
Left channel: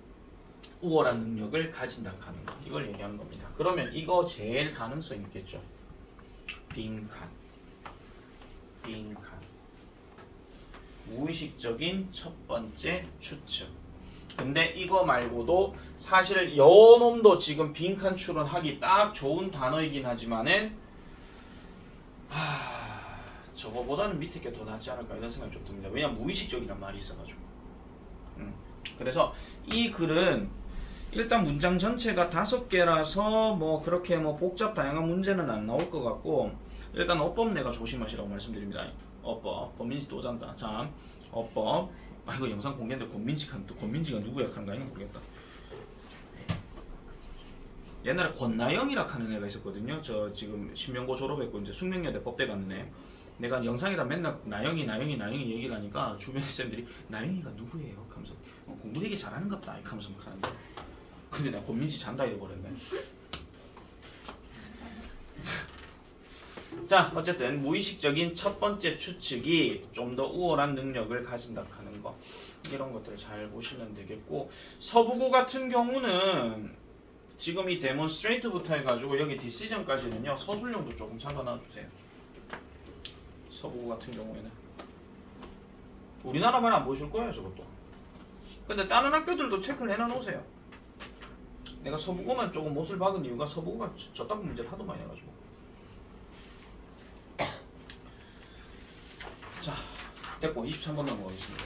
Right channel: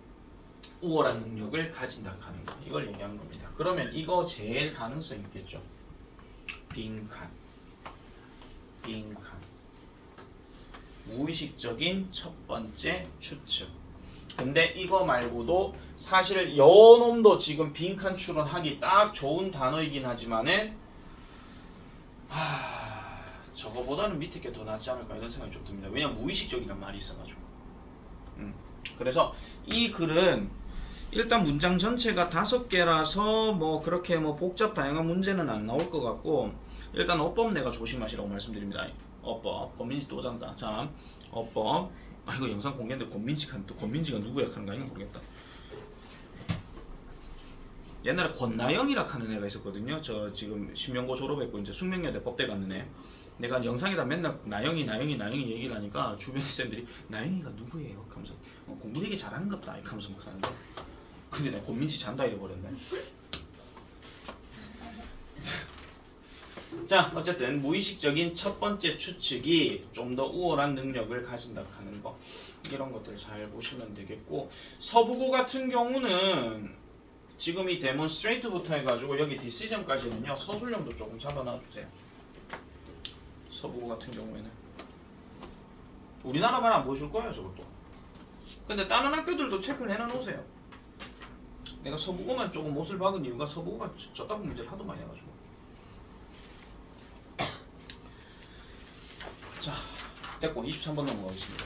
우월한 능력을 가진다 하는 거, 이걸 얘기하는 겁니다. 그러면 이거 제일 가능성 있겠죠. 빈칸. 무의식적인 첫 번째 추측. 근데 이거 말고도 사실 요놈도 지금 빈칸 추론하기 딱 좋은 단어이긴 하지만은 저거보다는 밑에 게 더 낫지 않을까 이런 생각이 좀 듭니다. 왜냐면 무의식적이란 말이 있어가지고. 그래서 이 글은 일단 문장 전체가 5개라서 뭐 그렇게 뭐 복잡 다양한 문제는 안 나올 것 같고, 일단 어법 내가 조심하시라고 말씀드립니다. 어법, 권민지 또 잔다. 자, 어법. 이거 영상 공개인데 권민지가 누구 역할인가 모르겠다. 옛날에 권나영이라 하는 애가 있었거든요. 저 지금 신명고 졸업했고 이제 숙명여대 법대 갔는 애. 내가 영상에다 맨날 나영이 얘기를 하니까 주변 쌤들이 나영이가 누구예요? 하면서 공부 되게 잘하는 것 같다 하면서 막 하는데, 근데 내가 권민지 잔다 이래버렸네. 자, 어쨌든 무의식적인 첫 번째 추측이 좀 더 우월한 능력을 가진다 하는 거, 이런 것들 잘 보시면 되겠고, 서부고 같은 경우는 지금 이 데몬스트레이트부터 해가지고 여기 디시전까지는요 서술형도 조금 잡아놔주세요. 서부고 같은 경우에는 우리나라만 안 보여줄 거예요 저것도. 근데 다른 학교들도 체크를 해놔놓으세요. 내가 서부고만 조금 못을 박은 이유가 서부고가 저따구 문제를 하도 많이 해가지고. 자, 됐고 23번 넘어가겠습니다.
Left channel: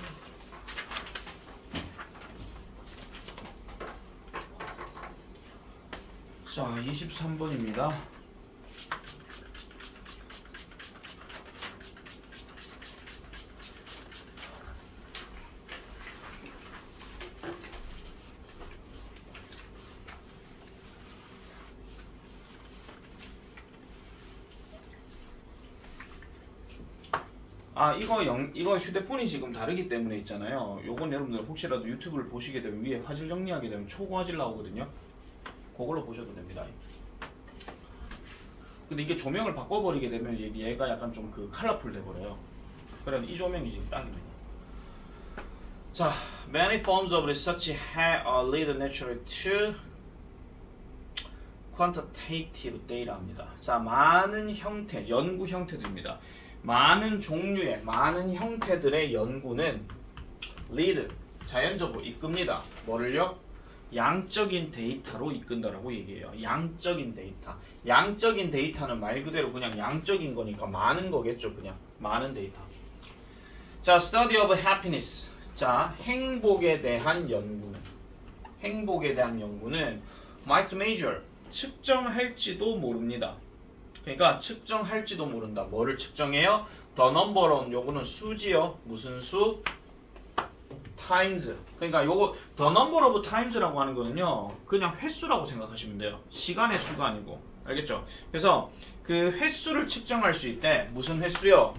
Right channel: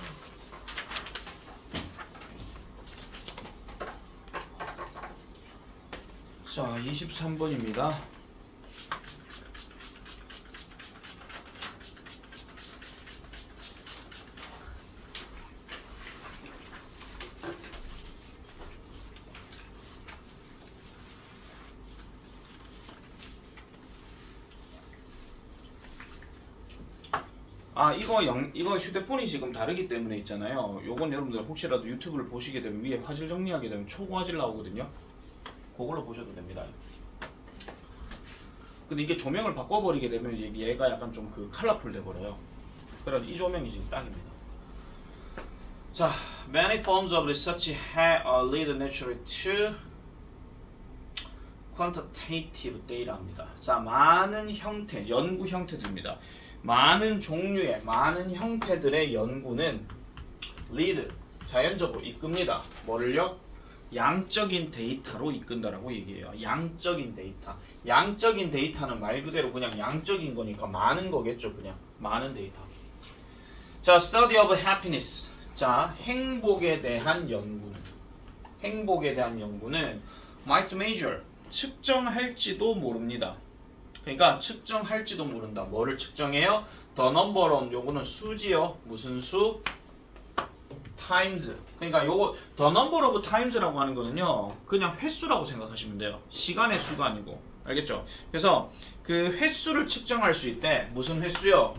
자, 23번입니다. 이거 휴대폰이 지금 다르기 때문에 있잖아요. 요건 여러분들 혹시라도 유튜브를 보시게 되면 위에 화질 정리하게 되면 초고화질 나오거든요. 그걸로 보셔도 됩니다. 근데 이게 조명을 바꿔버리게 되면 얘가 약간 좀 그 컬러풀 돼버려요. 그래서 이 조명이 지금 딱입니다. 자, many forms of research lead naturally to quantitative data입니다. 자, 많은 형태, 연구 형태들입니다. 많은 종류의, 많은 형태들의 연구는 lead, 자연적으로 이끕니다. 뭐를요? 양적인 데이터로 이끈다라고 얘기해요. 양적인 데이터. 양적인 데이터는 말 그대로 그냥 양적인 거니까 많은 거겠죠. 그냥 많은 데이터. 자, study of happiness. 자, 행복에 대한 연구는 might measure, 측정할지도 모릅니다. 그러니까 측정할지도 모른다. 뭐를 측정해요? the number of, 요거는 수지요. 무슨 수? times. 그러니까 요거 the number of times라고 하는 거는요 그냥 횟수라고 생각하시면 돼요. 시간의 수가 아니고. 알겠죠? 그래서 그 횟수를 측정할 수 있대. 무슨 횟수요?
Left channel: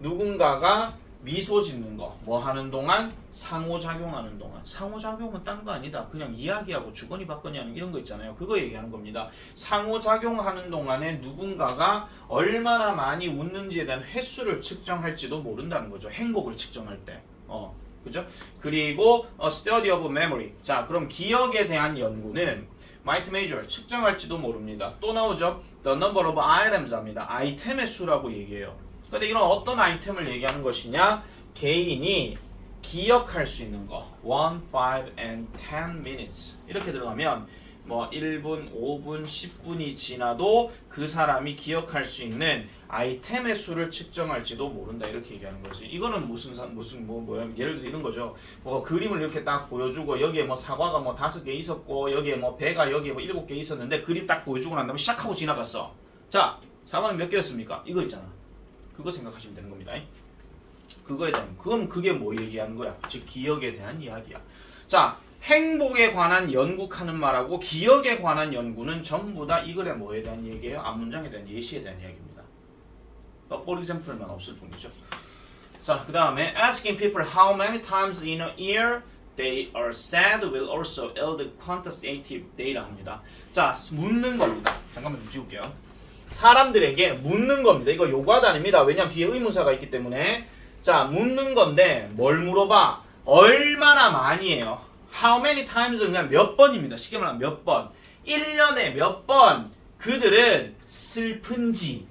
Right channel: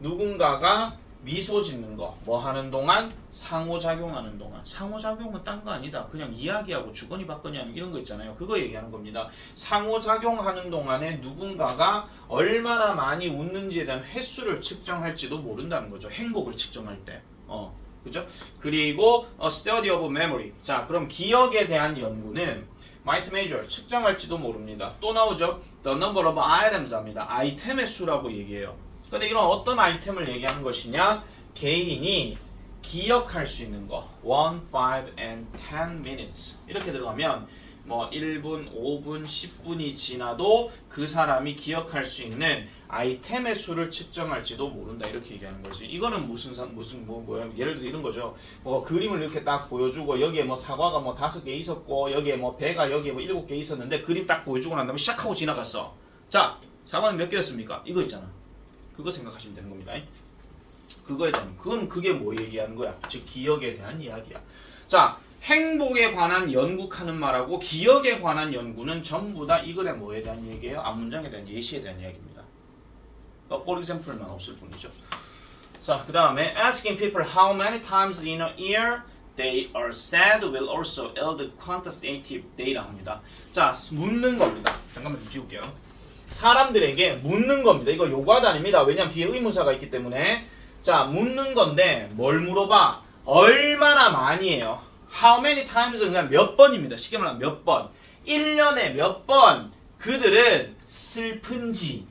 누군가가 미소 짓는 거, 뭐 하는 동안? 상호작용하는 동안. 상호작용은 딴 거 아니다. 그냥 이야기하고 주거니 받거니 하는 이런 거 있잖아요. 그거 얘기하는 겁니다. 상호작용하는 동안에 누군가가 얼마나 많이 웃는지에 대한 횟수를 측정할지도 모른다는 거죠. 행복을 측정할 때. 그죠? 그리고 study of memory. 자, 그럼 기억에 대한 연구는 might measure, 측정할지도 모릅니다. 또 나오죠? the number of items 합니다. 아이템의 수라고 얘기해요. 근데 이런 어떤 아이템을 얘기하는 것이냐? 개인이 기억할 수 있는 거. 1, 5, and 10 minutes. 이렇게 들어가면 뭐 1분, 5분, 10분이 지나도 그 사람이 기억할 수 있는 아이템의 수를 측정할지도 모른다. 이렇게 얘기하는 거지. 이거는 뭐야? 예를 들어 이런 거죠. 뭐 그림을 이렇게 딱 보여주고 여기에 뭐 사과가 뭐 5개 있었고 여기에 뭐 배가 여기에 뭐 7개 있었는데 그림 딱 보여주고 난 다음에 시작하고 지나갔어. 자, 사과는 몇 개였습니까? 이거 있잖아. 그거 생각하시면 되는 겁니다. 그거에 대한, 그럼 그게 뭐 얘기하는 거야? 즉 기억에 대한 이야기야. 자, 행복에 관한 연구하는 말하고 기억에 관한 연구는 전부 다 이 글의 뭐에 대한 얘기예요? 앞문장에 대한 예시에 대한 이야기입니다. for example만 없을 뿐이죠. 자, 그 다음에 asking people how many times in a year they are sad will also yield quantitative data 합니다. 자, 묻는 겁니다. 잠깐만 좀 지울게요. 사람들에게 묻는 겁니다. 이거 요구하다 아닙니다. 왜냐면 뒤에 의문사가 있기 때문에. 자, 묻는 건데 뭘 물어봐? 얼마나 많이에요. How many times는 그냥 몇 번입니다. 쉽게 말하면 몇 번. 1년에 몇 번 그들은 슬픈지에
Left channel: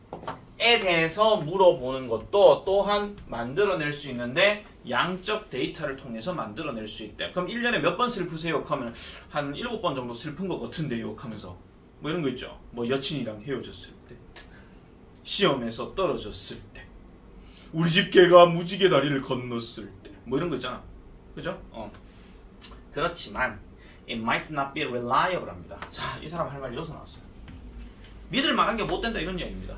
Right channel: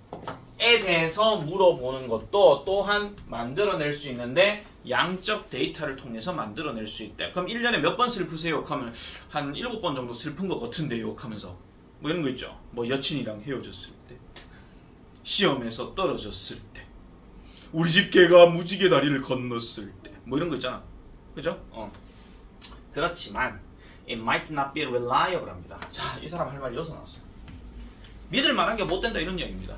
대해서 물어보는 것도 또한 만들어낼 수 있는데 양적 데이터를 통해서 만들어낼 수 있대. 그럼 1년에 몇 번 슬프세요? 하면 한 7번 정도 슬픈 것 같은데요? 하면서 뭐 이런 거 있죠. 뭐 여친이랑 헤어졌을 때, 시험에서 떨어졌을 때, 우리 집 개가 무지개 다리를 건넜을 때, 뭐 이런 거 있잖아. 그죠? 그렇지만 it might not be reliable 합니다. 자, 이 사람 할 말이 여기서 나왔어요. 믿을 만한 게 못 된다 이런 이야기입니다.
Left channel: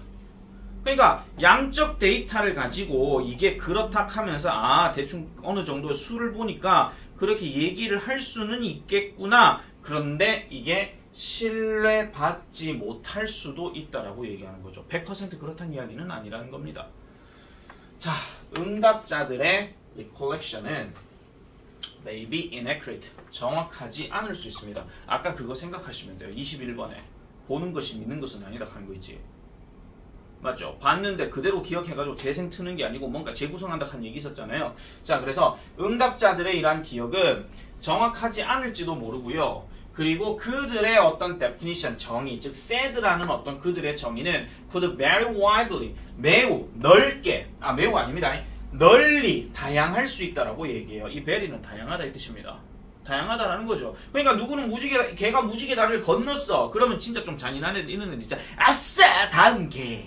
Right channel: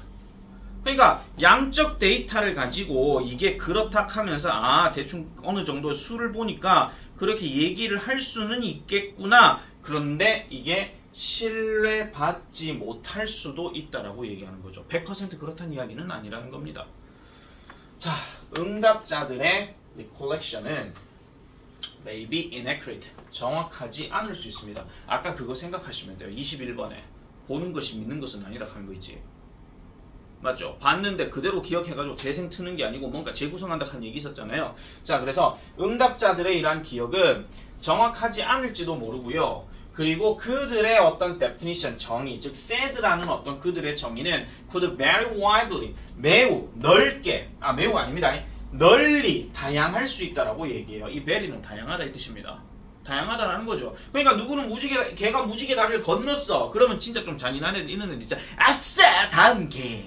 그러니까 양적 데이터를 가지고 이게 그렇다 하면서 대충 어느 정도 수를 보니까 그렇게 얘기를 할 수는 있겠구나. 그런데 이게 신뢰받지 못할 수도 있다라고 얘기하는 거죠. 100% 그렇다는 이야기는 아니라는 겁니다. 자, 응답자들의 이 컬렉션은 maybe inaccurate, 정확하지 않을 수 있습니다. 아까 그거 생각하시면 돼요. 21번에 보는 것이 믿는 것은 아니다 하는 거 있지. 맞죠? 봤는데 그대로 기억해가지고 재생 트는 게 아니고 뭔가 재구성한다 하는 얘기 있었잖아요. 자, 그래서 응답자들의 이러한 기억은 정확하지 않을지도 모르고요. 그리고 그들의 어떤 definition, 정의, 즉 said라는 어떤 그들의 정의는 could very widely, 매우 넓게, 매우 아닙니다. 널리 다양할 수 있다라고 얘기해요. 이 very는 다양하다 이 뜻입니다. 다양하다라는 거죠. 그러니까 누구는 개가 무지개 다리를 건넜어. 그러면 진짜 좀 잔인한 애들 있는 애들 진짜 아싸 다음 개.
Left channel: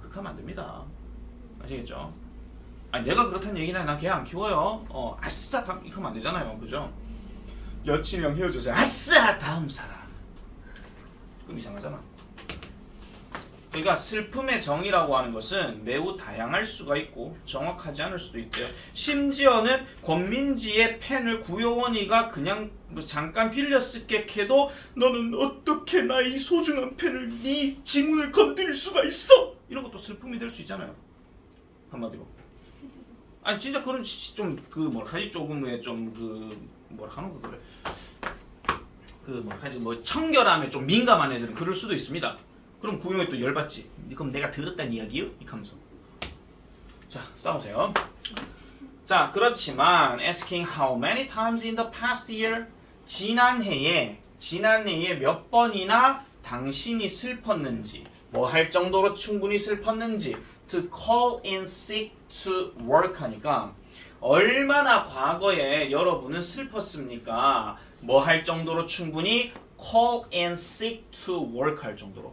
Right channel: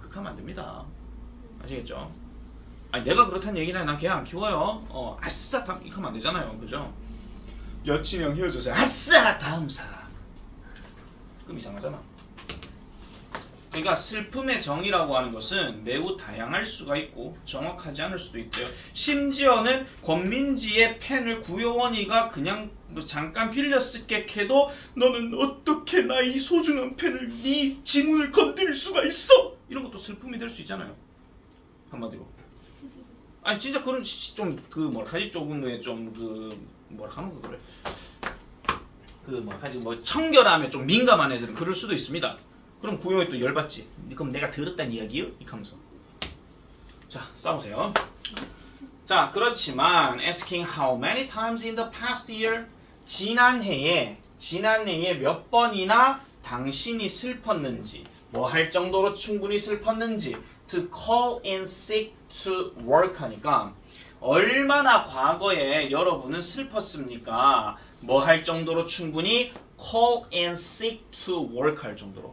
그렇게 하면 안 됩니다. 아시겠죠? 아니 내가 그렇다는 얘기는 난 개 안 키워요. 아싸 다음 이거 하면 안 되잖아요. 그죠? 여친이랑 헤어져서 아싸 다음 사람. 그럼 이상하잖아. 그러니까 슬픔의 정의라고 하는 것은 매우 다양할 수가 있고 정확하지 않을 수도 있고요. 심지어는 권민지의 펜을 구효원이가 그냥 잠깐 빌려 쓸게 해도 너는 어떻게 나의 소중한 펜을 네 지문을 건드릴 수가 있어? 이런 것도 슬픔이 될 수 있잖아요. 한마디로. 아니 진짜 그런 좀 그 뭐라지 조금의 좀 그 뭐라 하는 거 그래. 그 뭐라지 뭐 청결함에 좀 민감한 애들은 그럴 수도 있습니다. 그럼 구형이 또 열받지. 그럼 내가 들었단 이야기요? 이렇게 하면서. 자, 싸우세요. 자, 그렇지만 asking how many times in the past year, 지난 해에 몇 번이나 당신이 슬펐는지, 뭐 할 정도로 충분히 슬펐는지 to call in sick to work 하니까 얼마나 과거에 여러분은 슬펐습니까? 뭐 할 정도로 충분히 call in sick to work 할 정도로.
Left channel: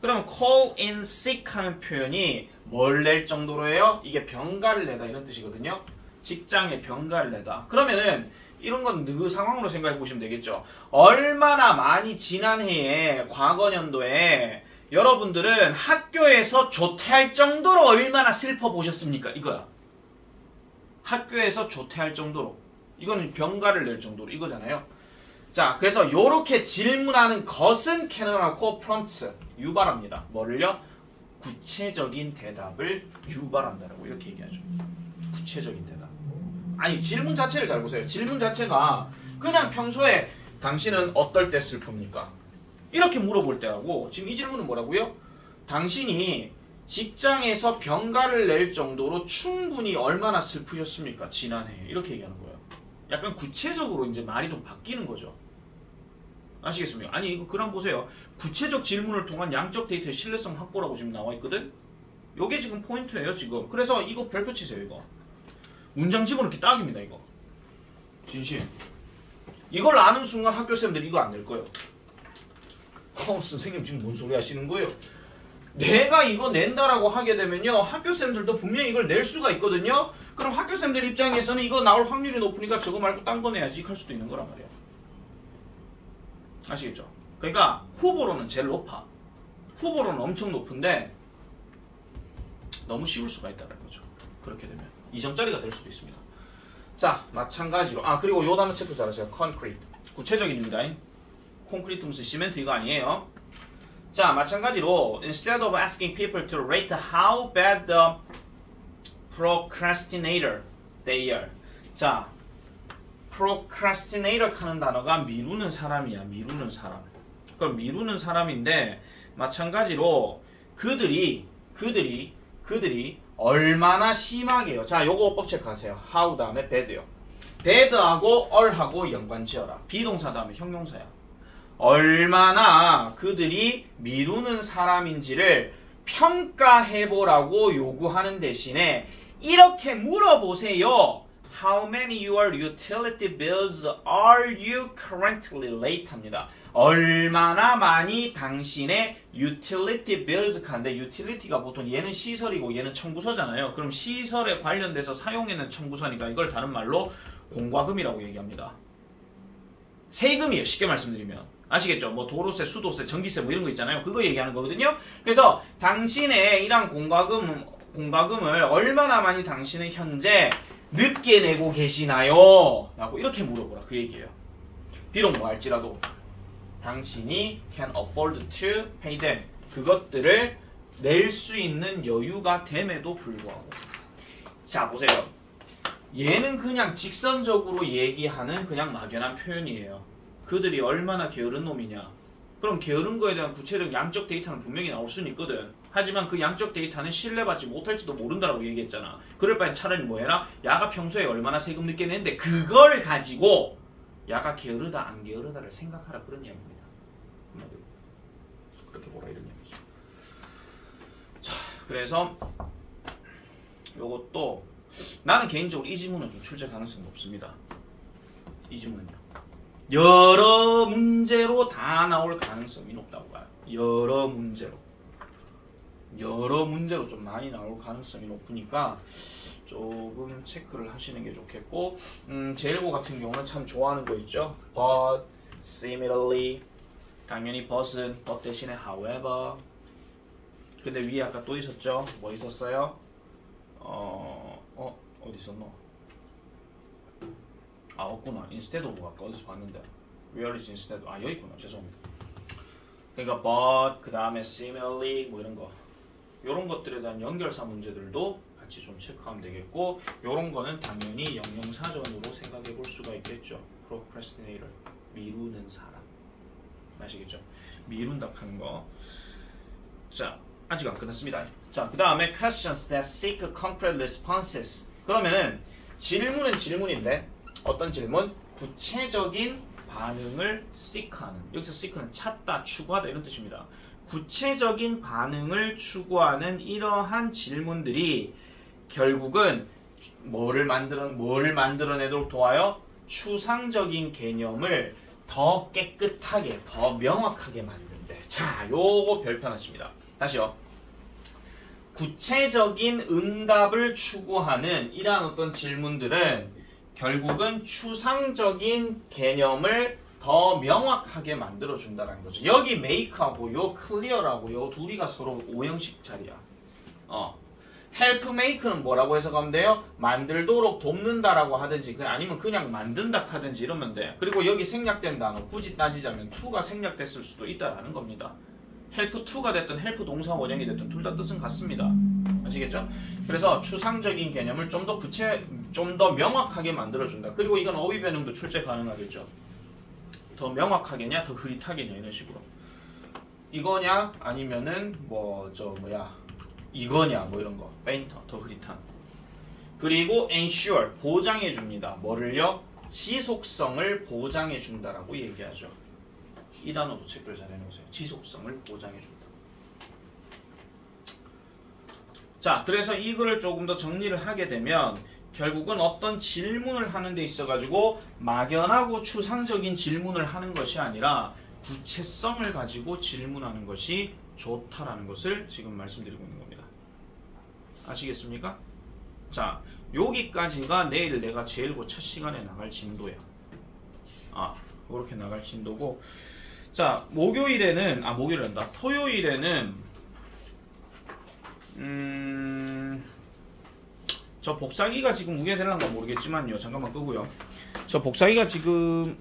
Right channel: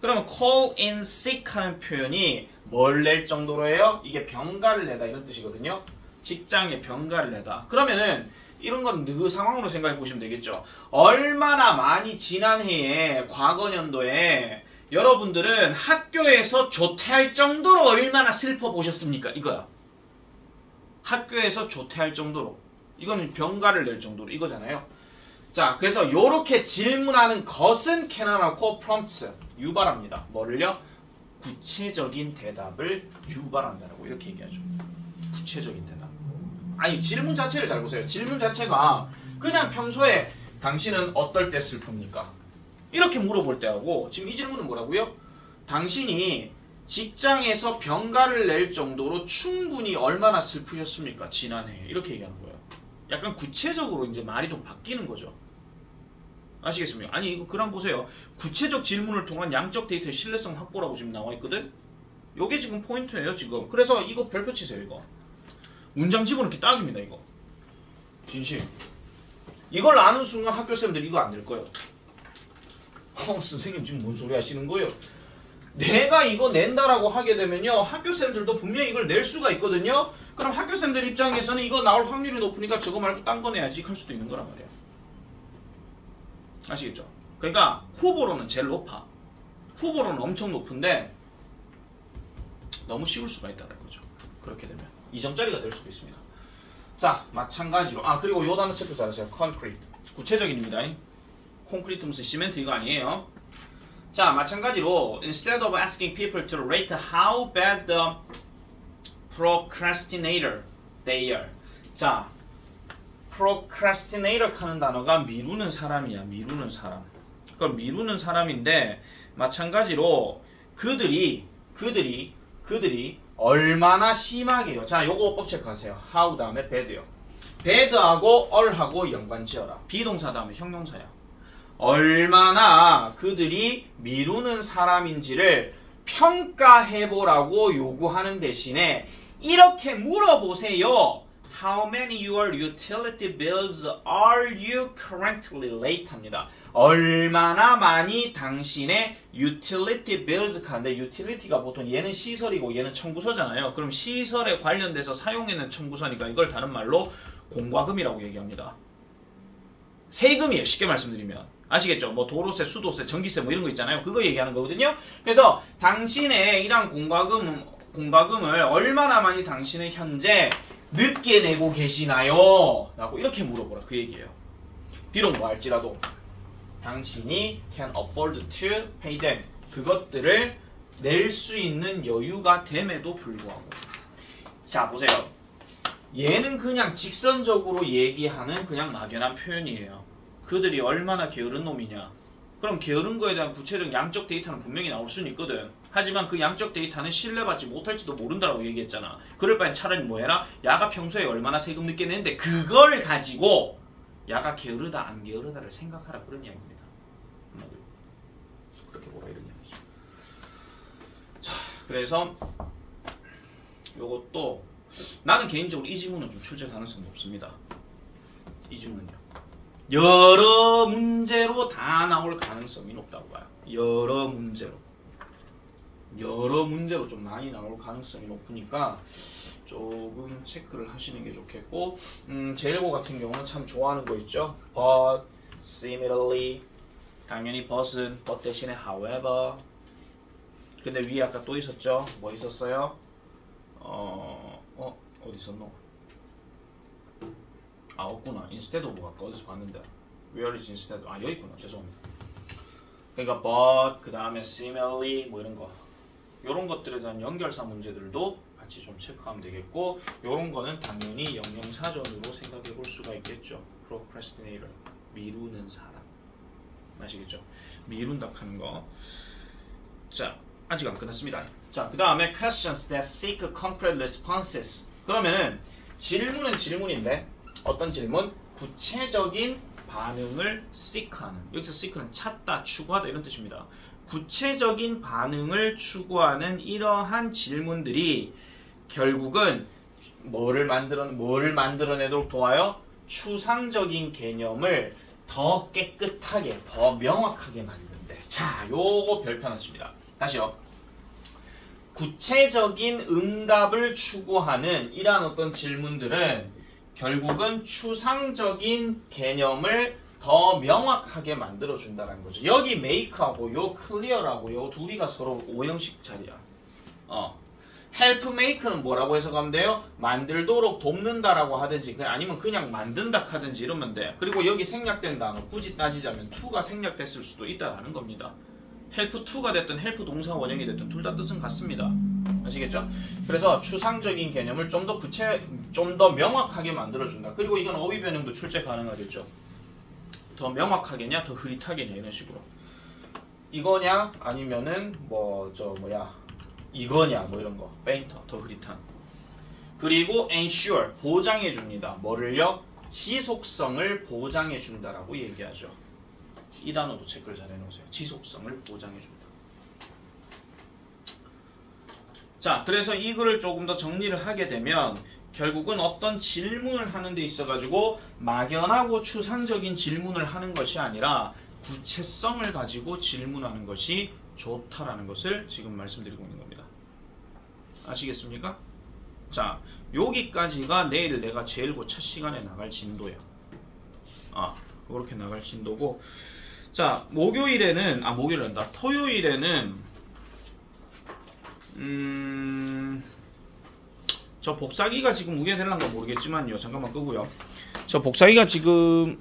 그러면 call in sick 하는 표현이 뭘 낼 정도로예요? 이게 병가를 내다 이런 뜻이거든요. 직장에 병가를 내다. 그러면은 이런 건 그 상황으로 생각해 보시면 되겠죠. 얼마나 많이 지난 해에 과거 년도에 여러분들은 학교에서 조퇴할 정도로 얼마나 슬퍼 보셨습니까? 이거야. 학교에서 조퇴할 정도로. 이거는 병가를 낼 정도로 이거잖아요. 자, 그래서 요렇게 질문하는 것은 canon하고 prompt 유발합니다. 뭐를요? 구체적인 대답을 유발한다라고 이렇게 얘기하죠. 구체적인 대답. 아니 질문 자체를 잘 보세요. 질문 자체가 그냥 평소에 당신은 어떨 때 슬픕니까? 이렇게 물어볼 때하고 지금 이 질문은 뭐라고요? 당신이 직장에서 병가를 낼 정도로 충분히 얼마나 슬프셨습니까? 지난해. 이렇게 얘기하는 거예요. 약간 구체적으로 이제 말이 좀 바뀌는 거죠. 아시겠습니까? 아니 이거 그럼 보세요. 구체적 질문을 통한 양적 데이터의 신뢰성 확보라고 지금 나와 있거든. 요게 지금 포인트예요 지금. 그래서 이거 별표 치세요 이거. 문장 집어넣기 딱입니다 이거. 진실. 이걸 아는 순간 학교생들 이거 안 낼 거예요. 선생님 지금 뭔 소리 하시는 거예요? 내가 이거 낸다라고 하게 되면요 학교생들도 분명히 이걸 낼 수가 있거든요. 그럼 학교생들 입장에서는 이거 나올 확률이 높으니까 저거 말고 딴 거 내야지 할 수도 있는 거란 말이에요. 아시겠죠? 그러니까 후보로는 제일 높아. 후보로는 엄청 높은데 너무 쉬울 수가 있다는 거죠. 그렇게 되면 2점짜리가 될 수도 있습니다. 자, 마찬가지로 그리고 요 단어 체크 잘하세요. concrete. 구체적인입니다. 콘크리트 무슨 시멘트 이거 아니에요. 자, 마찬가지로 instead of asking people to rate how bad the procrastinator they are. 자, procrastinator 하는 단어가 미루는 사람이야. 미루는 사람. 그걸 미루는 사람인데 마찬가지로 그들이 얼마나 심하게요. 자, 요거 법 체크하세요. how 다음에 bad요. bad하고 all하고 연관 지어라. 비동사 다음에 형용사야. 얼마나 그들이 미루는 사람인지를 평가해보라고 요구하는 대신에 이렇게 물어보세요. How many your utility bills are you currently late? 합니다. 얼마나 많이 당신의 utility bills 간데 utility가 보통 얘는 시설이고 얘는 청구서잖아요. 그럼 시설에 관련돼서 사용하는 청구서니까 이걸 다른 말로 공과금이라고 얘기합니다. 세금이에요. 쉽게 말씀드리면. 아시겠죠? 뭐 도로세, 수도세, 전기세 뭐 이런 거 있잖아요. 그거 얘기하는 거거든요. 그래서 당신의 이런 공과금을 얼마나 많이 당신은 현재 늦게 내고 계시나요? 라고 이렇게 물어보라. 그 얘기예요. 비록 뭐 할지라도 당신이 can afford to pay them. 그것들을 낼 수 있는 여유가 됨에도 불구하고. 자, 보세요. 얘는 그냥 직선적으로 얘기하는 그냥 막연한 표현이에요. 그들이 얼마나 게으른 놈이냐. 그럼 게으른 거에 대한 구체적 양적 데이터는 분명히 나올 수는 있거든. 하지만 그 양적 데이터는 신뢰받지 못할지도 모른다라고 얘기했잖아. 그럴 바엔 차라리 뭐 해라? 야가 평소에 얼마나 세금 늦게 내는데 그걸 가지고 야가 게으르다 안 게으르다를 생각하라 그런 이야기입니다. 그렇게 보라 이런 이야기죠. 자, 그래서 요것도 나는 개인적으로 이 지문은 좀 출제 가능성이 높습니다. 이 지문은요. 여러 문제로 다 나올 가능성이 높다고 봐요. 여러 문제로 좀 많이 나올 가능성이 높으니까 조금 체크를 하시는 게 좋겠고, 제1고 같은 경우는 참 좋아하는 거 있죠. But, similarly, 당연히 but은 but 대신에 however. 근데 위에 아까 또 있었죠. 뭐 있었어요? 어디 있었노? 아, 없구나. instead of 아까 어디서 봤는데. where is instead? 아, 여기 있구나. 죄송합니다. 그러니까 but, 그 다음에 similarly 뭐 이런 거. 요런 것들에 대한 연결사 문제들도 같이 좀 체크하면 되겠고, 요런 거는 당연히 영영사전으로 생각해 볼 수가 있겠죠. procrastinator, 미루는 사람. 아시겠죠? 미룬다 하는 거. 자, 아직 안 끝났습니다. 자, 그 다음에 questions that seek concrete responses. 그러면은 질문은 질문인데 어떤 질문? 구체적인 반응을 seek하는. 여기서 seek는 찾다, 추구하다 이런 뜻입니다. 구체적인 반응을 추구하는 이러한 질문들이 결국은 뭐를 만들어내도록 도와요? 추상적인 개념을 더 깨끗하게, 더 명확하게 만든대. 자, 요거 별편하십니다. 다시요. 구체적인 응답을 추구하는 이러한 어떤 질문들은 결국은 추상적인 개념을 더 명확하게 만들어준다는 거죠. 여기 make하고 요 clear하고 요 둘이가 서로 오형식 자리야. help make는 뭐라고 해석하면 돼요? 만들도록 돕는다라고 하든지 아니면 그냥 만든다 하든지 이러면 돼. 그리고 여기 생략된 단어 굳이 따지자면 to가 생략됐을 수도 있다라는 겁니다. help to가 됐든 help 동사 원형이 됐든 둘 다 뜻은 같습니다. 아시겠죠? 그래서 추상적인 개념을 좀 더 명확하게 만들어준다. 그리고 이건 어휘 변형도 출제 가능하겠죠. 더 명확하게냐 더 흐릿하게냐 이런 식으로. 이거냐 아니면은 이거냐 뭐 이런 거. fainter 더 흐릿한. 그리고 ensure 보장해 줍니다. 뭐를요? 지속성을 보장해 준다라고 얘기하죠. 이 단어도 체크를 잘 해놓으세요. 지속성을 보장해 준다. 자, 그래서 이거를 조금 더 정리를 하게 되면 결국은 어떤 질문을 하는 데 있어가지고 막연하고 추상적인 질문을 하는 것이 아니라 구체성을 가지고 질문하는 것이 좋다라는 것을 지금 말씀드리고 있는 겁니다. 아시겠습니까? 자, 여기까지가 내일 내가 제1고 첫 시간에 나갈 진도예요. 이렇게 나갈 진도고, 자, 토요일에는 저 복사기가 지금 우게 되는가 모르겠지만요. 잠깐만 끄고요. 저 복사기가 지금